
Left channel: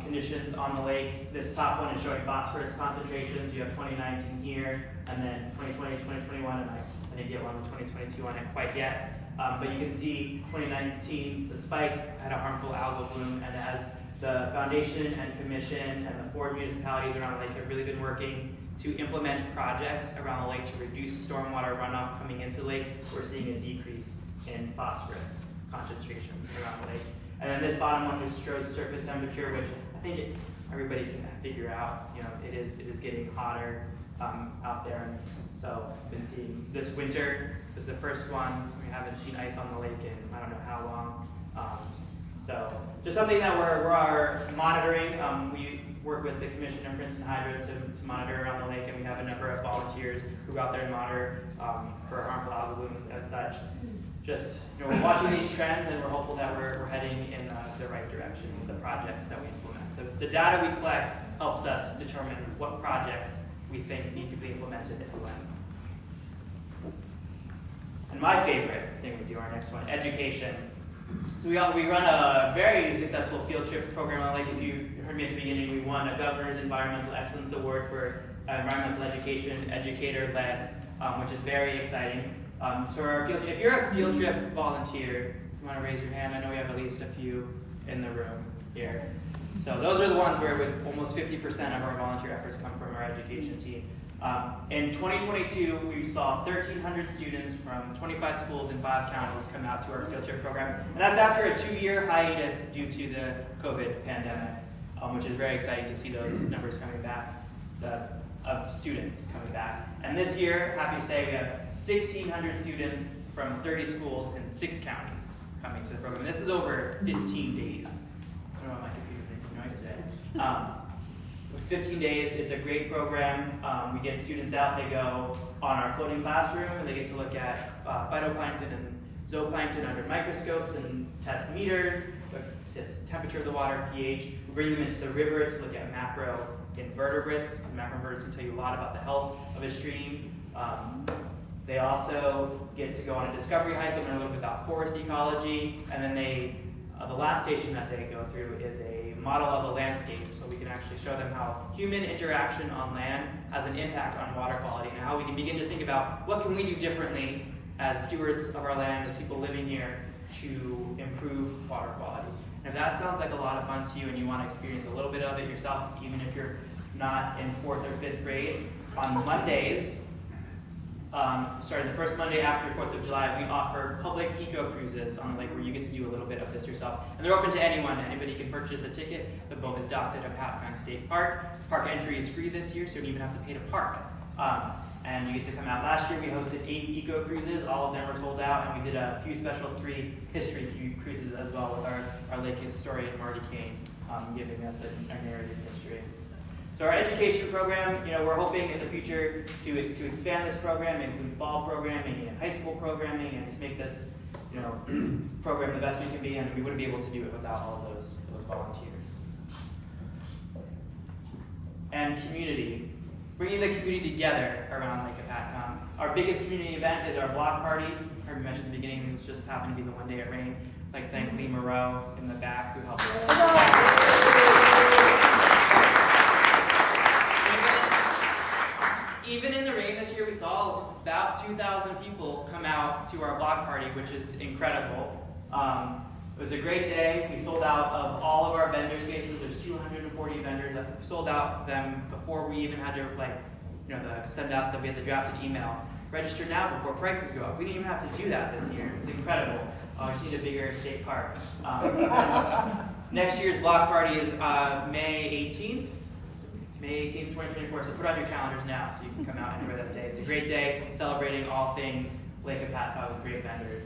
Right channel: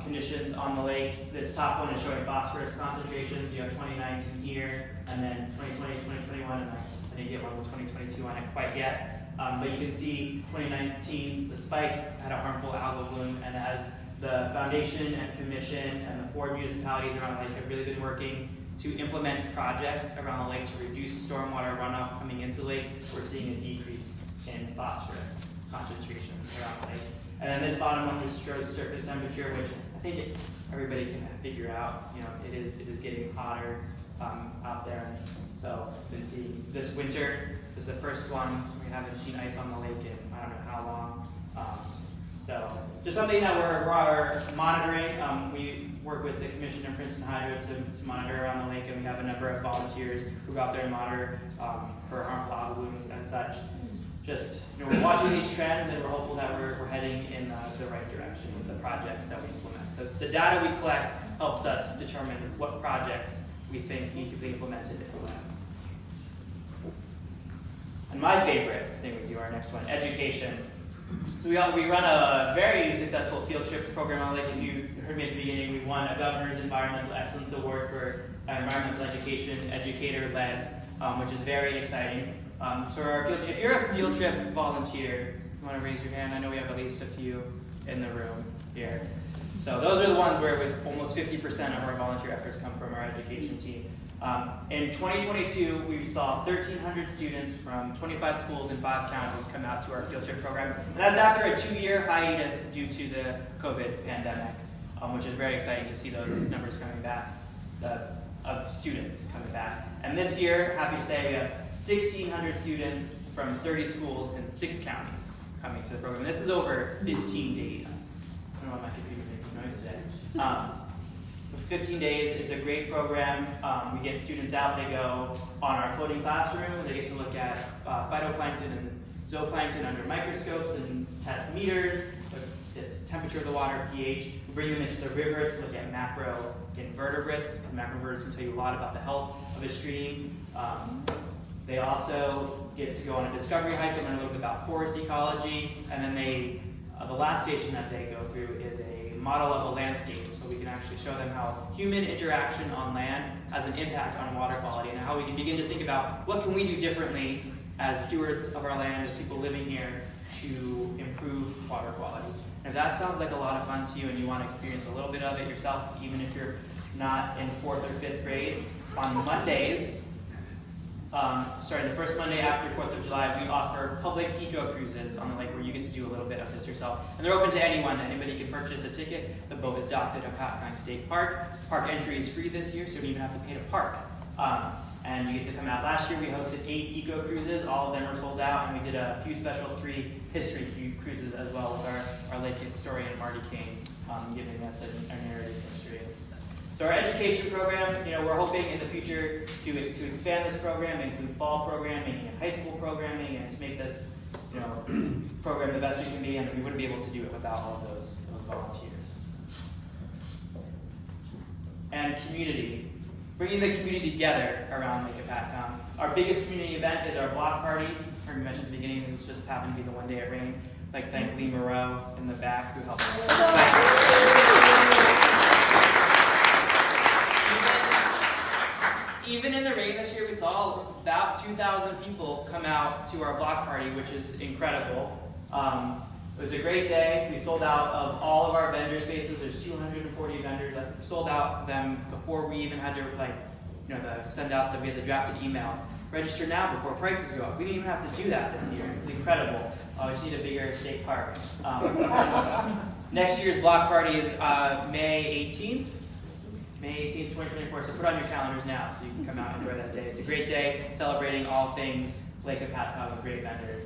conditions on the lake. This top one is showing phosphorus concentrations. You have 2019 here, and then 2020, 2021, and I didn't get one with 2022 on it quite yet. But you can see 2019, the spike had a harmful algal bloom, and as the foundation and commission and the 4 municipalities around the lake have really been working to implement projects around the lake to reduce stormwater runoff coming into the lake, we're seeing a decrease in phosphorus concentrations around the lake. And then this bottom one just shows surface temperature, which I think everybody can figure out. It is getting hotter out there. So I've been seeing this winter was the first one. We haven't seen ice on the lake in I don't know how long. So just something that we're monitoring. We work with the Commission and Princeton Hydro to monitor around the lake, and we have a number of volunteers who go out there and monitor for harmful algal blooms and such. Just we're watching these trends, and we're hopeful that we're heading in the right direction with the projects that we implement. The data we collect helps us determine what projects we think need to be implemented and when. And my favorite thing we do, our next one, education. We run a very successful field trip program on the lake. If you heard me at the beginning, we won a Governor's Environmental Excellence Award for environmental education, educator-led, which is very exciting. So if you're a field trip volunteer, you want to raise your hand? I know we have at least a few in the room here. So those are the ones where with almost 50% of our volunteer efforts come from our education team. In 2022, we saw 1,300 students from 25 schools in 5 counties come out to our field trip program. And that's after a 2-year hiatus due to the COVID pandemic, which is very exciting to see those numbers coming back, of students coming back. And this year, happy to say, we have 1,600 students from 30 schools in 6 counties coming to the program. This is over 15 days. I don't know why my computer's making noise today. 15 days, it's a great program. We get students out, they go on our floating classroom, and they get to look at phytoplankton and zooplankton under microscopes and test meters, look at temperature of the water, pH. We bring them into the river to look at macroinvertebrates. Macroinvertebrates can tell you a lot about the health of a stream. They also get to go on a discovery hike and learn a little bit about forest ecology, and then the last station that they go through is a model of a landscape, so we can actually show them how human interaction on land has an impact on water quality, and how we can begin to think about what can we do differently as stewards of our land, as people living here, to improve water quality. And if that sounds like a lot of fun to you and you want to experience a little bit of it yourself, even if you're not in 4th or 5th grade, on Mondays, starting the first Monday after 4th of July, we offer public eco cruises on the lake where you get to do a little bit of this yourself. And they're open to anyone. Anybody can purchase a ticket. The boat is docked at Hopatcong State Park. Park entry is free this year, so you don't even have to pay to park. And you get to come out. Last year we hosted 8 eco cruises. All of them were sold out, and we did a few special 3 history cruises as well with our lake historian Marty Kane giving us a narrative history. So our education program, we're hoping in the future to expand this program, include fall programming and high school programming, and just make this, program the best we can be, and we wouldn't be able to do it without all of those volunteers. And community, bringing the community together around Lake Hopatcong. Our biggest community event is our block party. I heard you mentioned at the beginning, it just happened to be the one day it rained. I'd like to thank Lee Moreau in the back who helped. Even in the rain this year, we saw about 2,000 people come out to our block party, which is incredible. It was a great day. We sold out of all of our vendor spaces. There's 240 vendors. We sold out them before we even had to send out we had the drafted email. Register now before prices go up. We didn't even have to do that this year. It's incredible. We just need a bigger state park. Next year's block party is May 18th. May 18th, 2024, so put on your calendars now so you can come out and enjoy that day. It's a great day celebrating all things Lake Hopatcong with great vendors.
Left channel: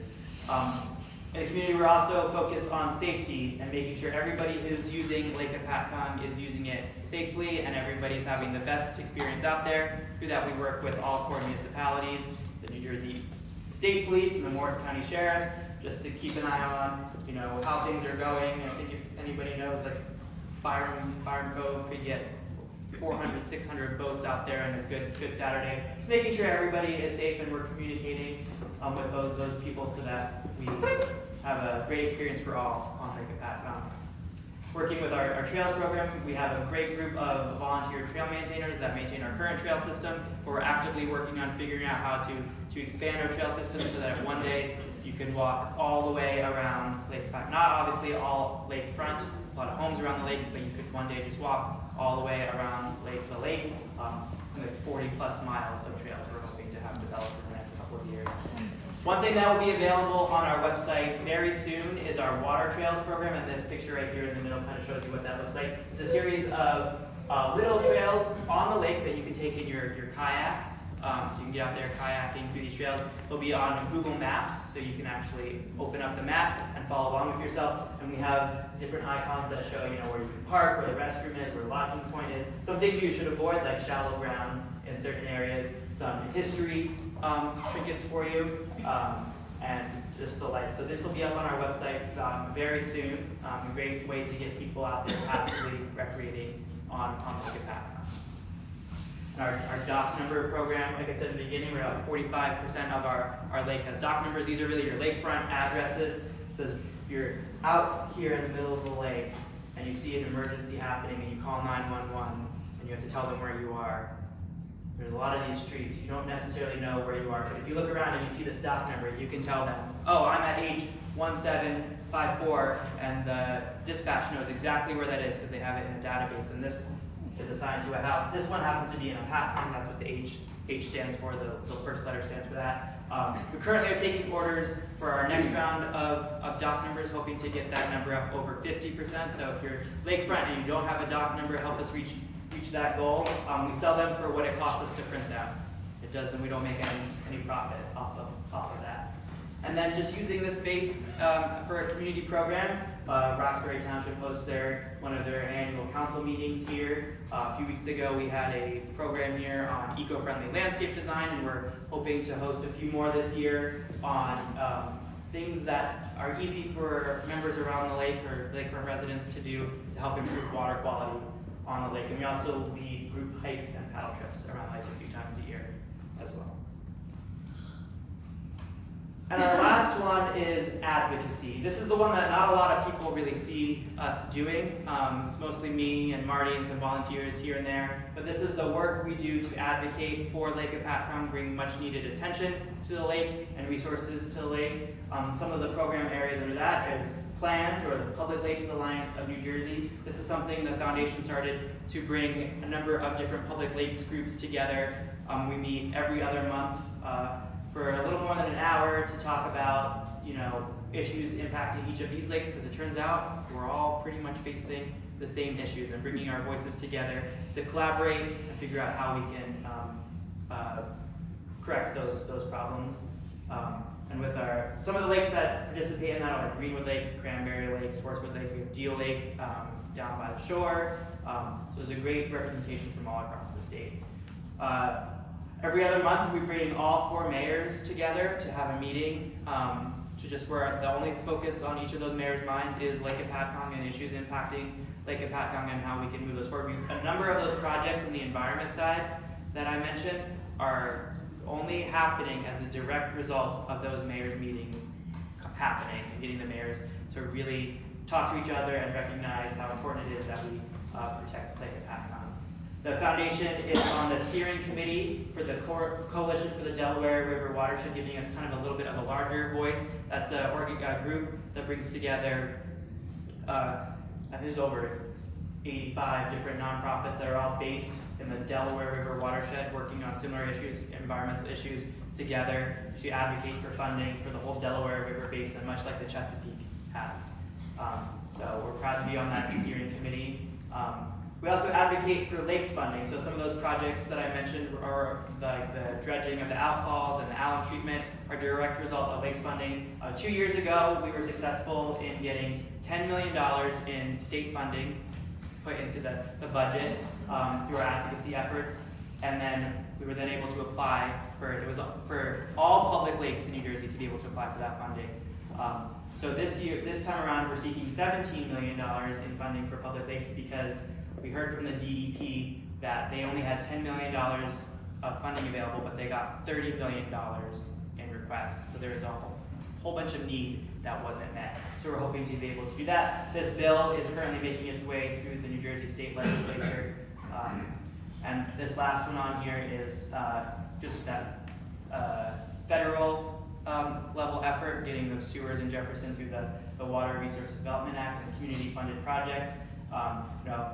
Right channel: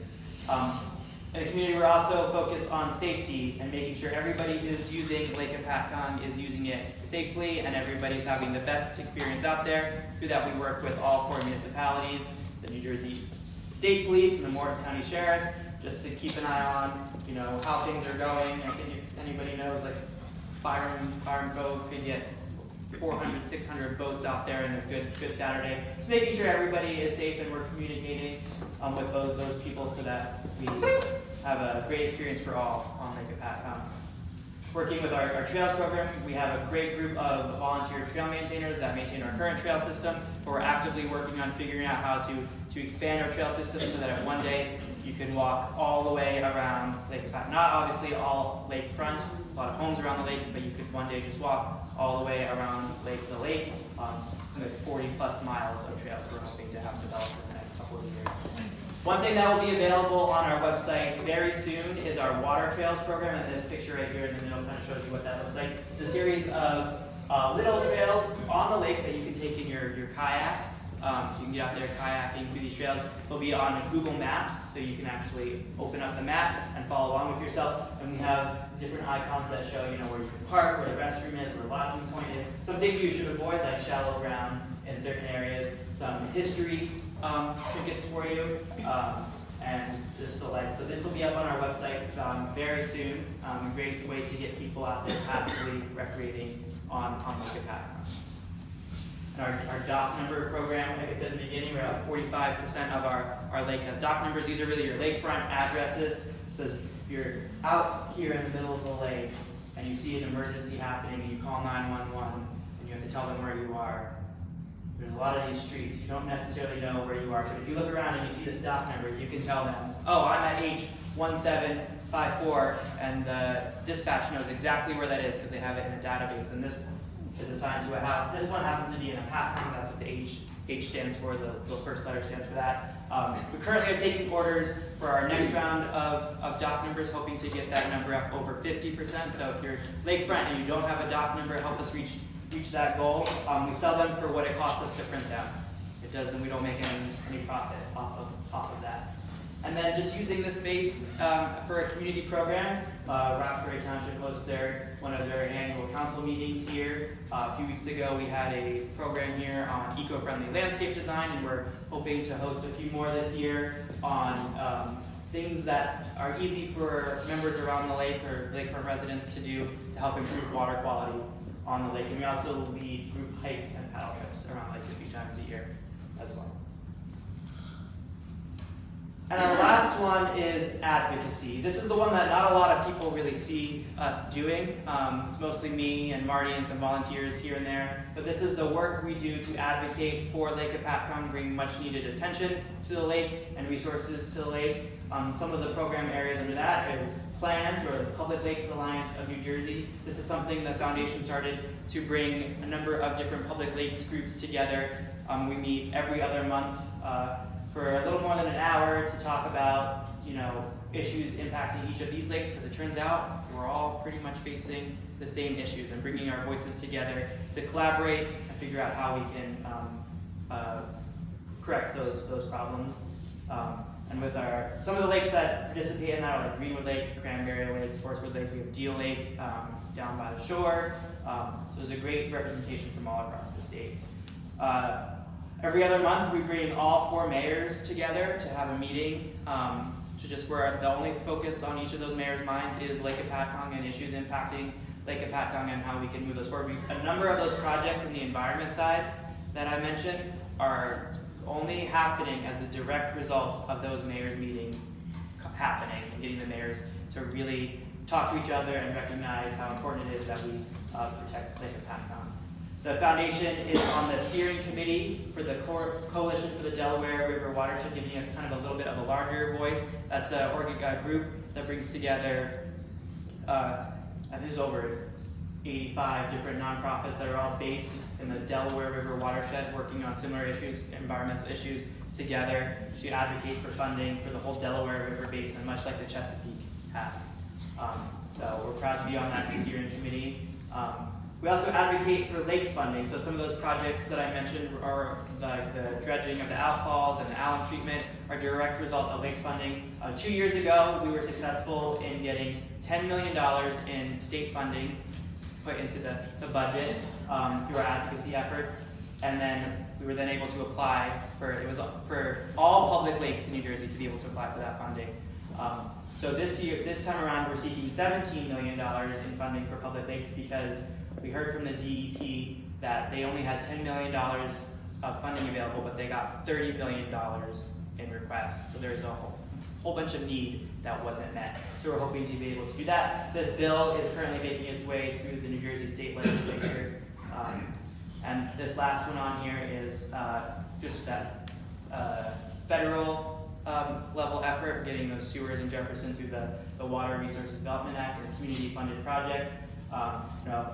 In the community, we're also focused on safety and making sure everybody who's using Lake Hopatcong is using it safely and everybody's having the best experience out there. Through that, we work with all 4 municipalities, the New Jersey State Police and the Morris County Sheriffs, just to keep an eye on, how things are going. I think if anybody knows, Byram Cove could get 400, 600 boats out there and a good Saturday. Just making sure everybody is safe and we're communicating with those people so that we have a great experience for all on Lake Hopatcong. Working with our trails program, we have a great group of volunteer trail maintainers that maintain our current trail system, but we're actively working on figuring out how to expand our trail system so that one day you can walk all the way around Lake Hopatcong. Not obviously all lakefront, a lot of homes around the lake, but you could one day just walk all the way around the lake, with 40 plus miles of trails we're hoping to have developed in the next couple of years. One thing that will be available on our website very soon is our water trails program, and this picture right here in the middle kind of shows you what that looks like. It's a series of little trails on the lake that you can take in your kayak. So you can get out there kayaking through these trails. They'll be on Google Maps, so you can actually open up the map and follow along with yourself. And we have different icons that show, where you can park, where the restroom is, where the launching point is. Some things you should avoid, like shallow ground in certain areas. Some history trinkets for you, and just the like. So this will be up on our website very soon. A great way to get people out there passively recreating on Lake Hopatcong. And our dock number program, like I said in the beginning, we're about 45% of our lake has dock numbers. These are really your lakefront addresses. So if you're out here in the middle of the lake and you see an emergency happening and you call 911 and you have to tell them where you are, there's a lot of these streets, you don't necessarily know where you are, but if you look around and you see this dock number, you can tell them, oh, I'm at H1754, and the dispatch knows exactly where that is because they have it in a database, and this is assigned to a house. This one happens to be in a Hopatcong, that's what the H stands for, the first letter stands for that. We currently are taking orders for our next round of dock numbers, hoping to get that number up over 50%. So if you're lakefront and you don't have a dock number, help us reach that goal. We sell them for what it costs us to print them. It doesn't, we don't make any profit off of that. And then just using this space for a community program. Roxbury Township hosts one of their annual council meetings here. A few weeks ago we had a program here on eco-friendly landscape design, and we're hoping to host a few more this year on things that are easy for members around the lake or lakefront residents to do to help improve water quality on the lake. And we also lead group hikes and paddle trips around the lake a few times a year as well. And our last one is advocacy. This is the one that not a lot of people really see us doing. It's mostly me and Marty and some volunteers here and there. But this is the work we do to advocate for Lake Hopatcong, bring much needed attention to the lake and resources to the lake. Some of the program areas under that is PLANT, or the Public Lakes Alliance of New Jersey. This is something the foundation started to bring a number of different public lakes groups together. We meet every other month for a little more than an hour to talk about, issues impacting each of these lakes, because it turns out we're all pretty much facing the same issues, and bringing our voices together to collaborate and figure out how we can correct those problems. And with some of the lakes that participate in that are like Greenwood Lake, Cranberry Lake, Sportswood Lake, we have Deal Lake down by the shore. So there's a great representation from all across the state. Every other month, we bring all 4 mayors together to have a meeting, where the only focus on each of those mayors' minds is Lake Hopatcong and issues impacting Lake Hopatcong and how we can move those forward. A number of those projects in the environment side that I mentioned are only happening as a direct result of those mayors' meetings happening and getting the mayors to really talk to each other and recognize how important it is that we protect Lake Hopatcong. The foundation is on the steering committee for the Coalition for the Delaware River Watershed, giving us kind of a little bit of a larger voice. That's a group that brings together, I think there's over 85 different nonprofits that are all based in the Delaware River Watershed, working on similar issues, environmental issues, together to advocate for funding for the whole Delaware River basin, much like the Chesapeake has. So we're proud to be on that steering committee. We also advocate for lakes funding. So some of those projects that I mentioned are like the dredging of the outfalls and the alum treatment are a direct result of lakes funding. 2 years ago, we were successful in getting $10 million in state funding put into the budget through our advocacy efforts. And then we were then able to apply for all public lakes in New Jersey to be able to apply for that funding. So this time around, we're seeking $17 million in funding for public lakes, because we heard from the DEP that they only had $10 million of funding available, but they got $30 million in requests. So there's a whole bunch of need that wasn't met. So we're hoping to be able to do that. This bill is currently making its way through the New Jersey State Legislature. And this last one on here is just that federal level effort, getting those sewers in Jefferson through the Water Resources Development Act and community funded projects.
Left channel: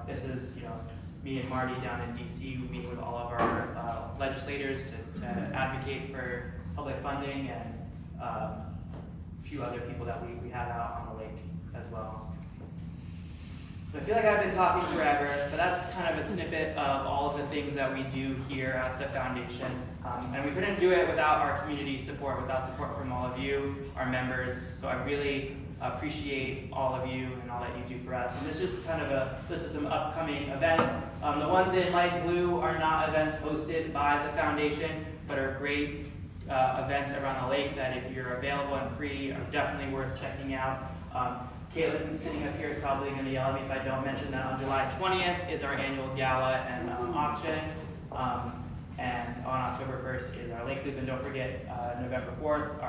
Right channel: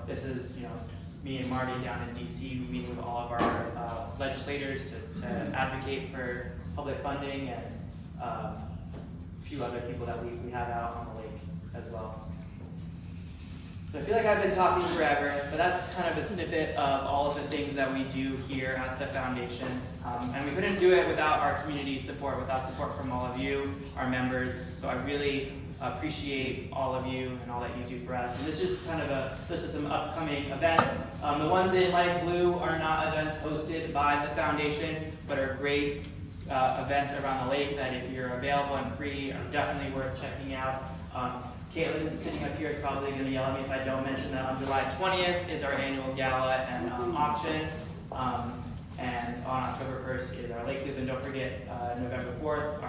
This is, me and Marty down in DC. We meet with all of our legislators to advocate for public funding, and a few other people that we have out on the lake as well. So I feel like I've been talking forever, but that's kind of a snippet of all of the things that we do here at the foundation. And we couldn't do it without our community support, without support from all of you, our members. So I really appreciate all of you and all that you do for us. And this is kind of a list of some upcoming events. The ones in light blue are not events hosted by the foundation, but are great events around the lake that, if you're available and free, are definitely worth checking out. Caitlin, sitting up here, is probably going to yell at me if I don't mention that on July 20th is our annual gala and auction. And on October 1st is our lake loop. And don't forget, November 4th,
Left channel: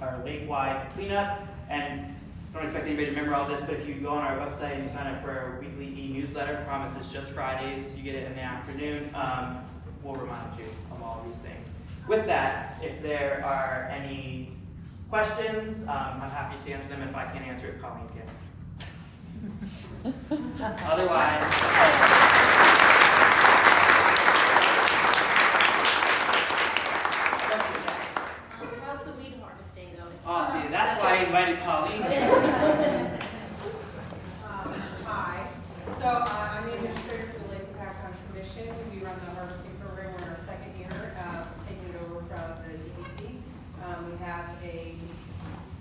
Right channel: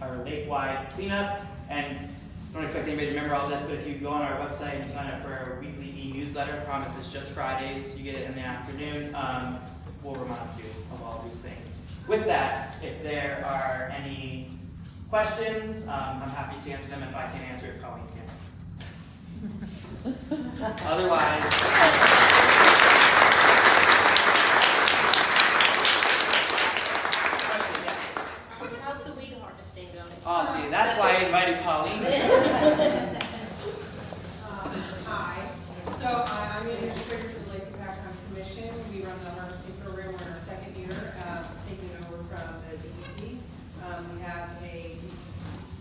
our lake-wide cleanup. And don't expect anybody to remember all this, but if you go on our website and you sign up for our weekly e-newsletter, promise it's just Fridays, you get it in the afternoon, we'll remind you of all of these things. With that, if there are any questions, I'm happy to answer them. If I can't answer it, Colleen can. Otherwise, How's the weed harvesting going? oh, see, that's why I invited Colleen. Hi. So I'm an administrator for the Lake Hopatcong Commission. We run the harvesting program in our second year, taking over from the DEP. We have a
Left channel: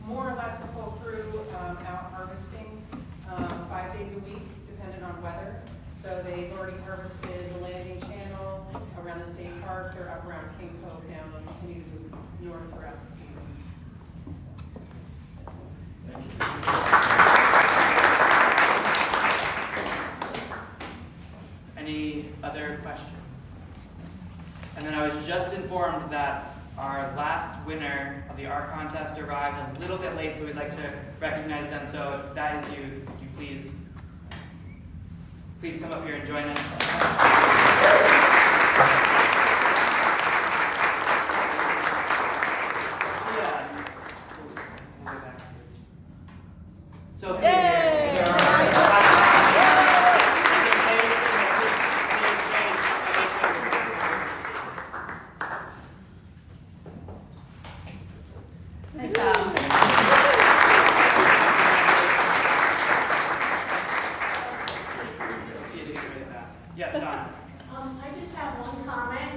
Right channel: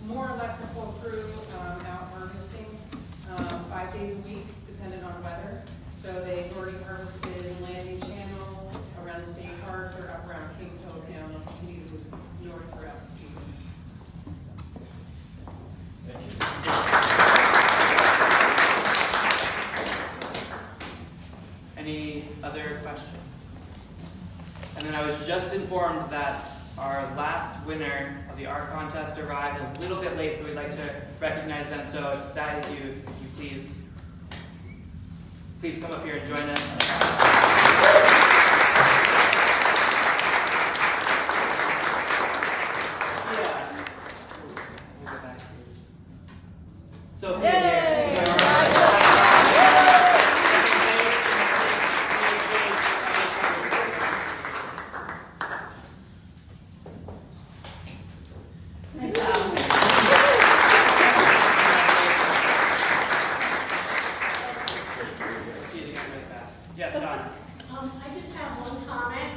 more or less a full crew out harvesting 5 days a week, depending on weather. So they've already harvested the landing channel around the state park or up around Cape Town and continue to move north throughout the season. Any other questions? And then I was just informed that our last winner of the art contest arrived a little bit late, so we'd like to recognize them. So if that is you, could you please come up here and join us. Yeah. We'll get back to you. Sophie here. Nice job. See it again really fast. Yes, Donna. I just have one comment.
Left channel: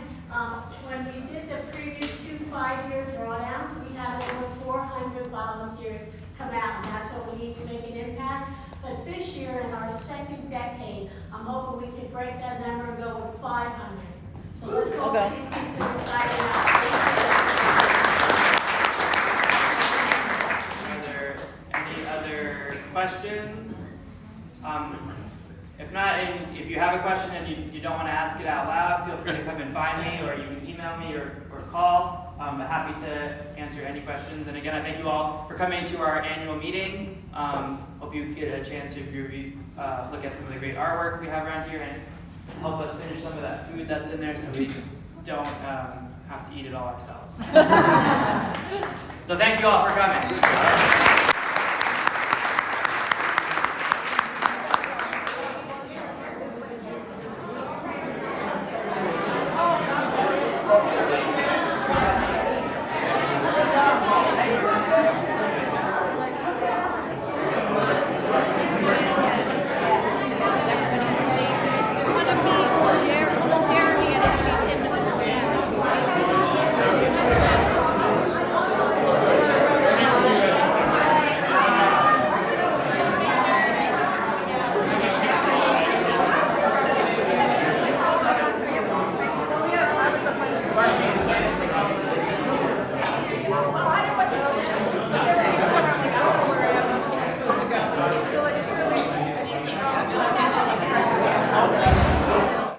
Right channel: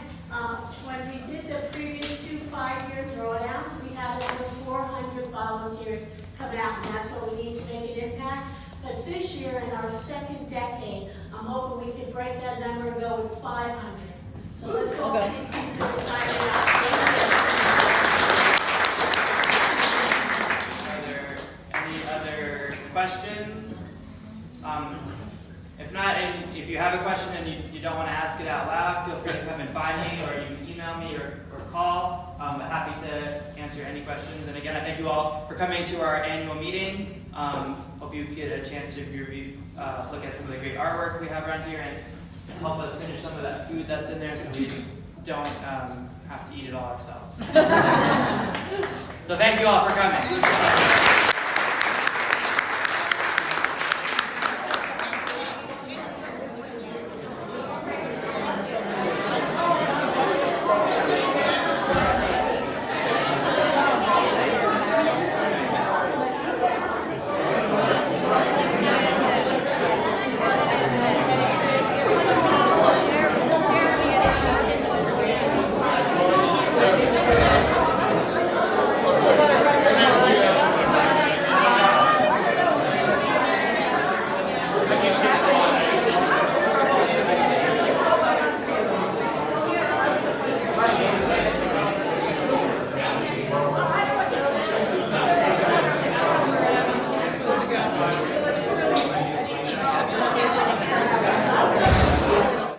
When we did the previous 2 5-year drawdowns, we had over 400 volunteers come out, and that's what we need to make an impact. But this year, in our second decade, I'm hoping we can break that number and go with 500. So let's all please consider signing up. Are there any other questions? If not, if you have a question and you don't want to ask it out loud, feel free to come and find me, or you can email me or call. But happy to answer any questions. And again, I thank you all for coming to our annual meeting. Hope you get a chance to review, look at some of the great artwork we have around here and help us finish some of that food that's in there so we don't have to eat it all ourselves. So thank you all for coming.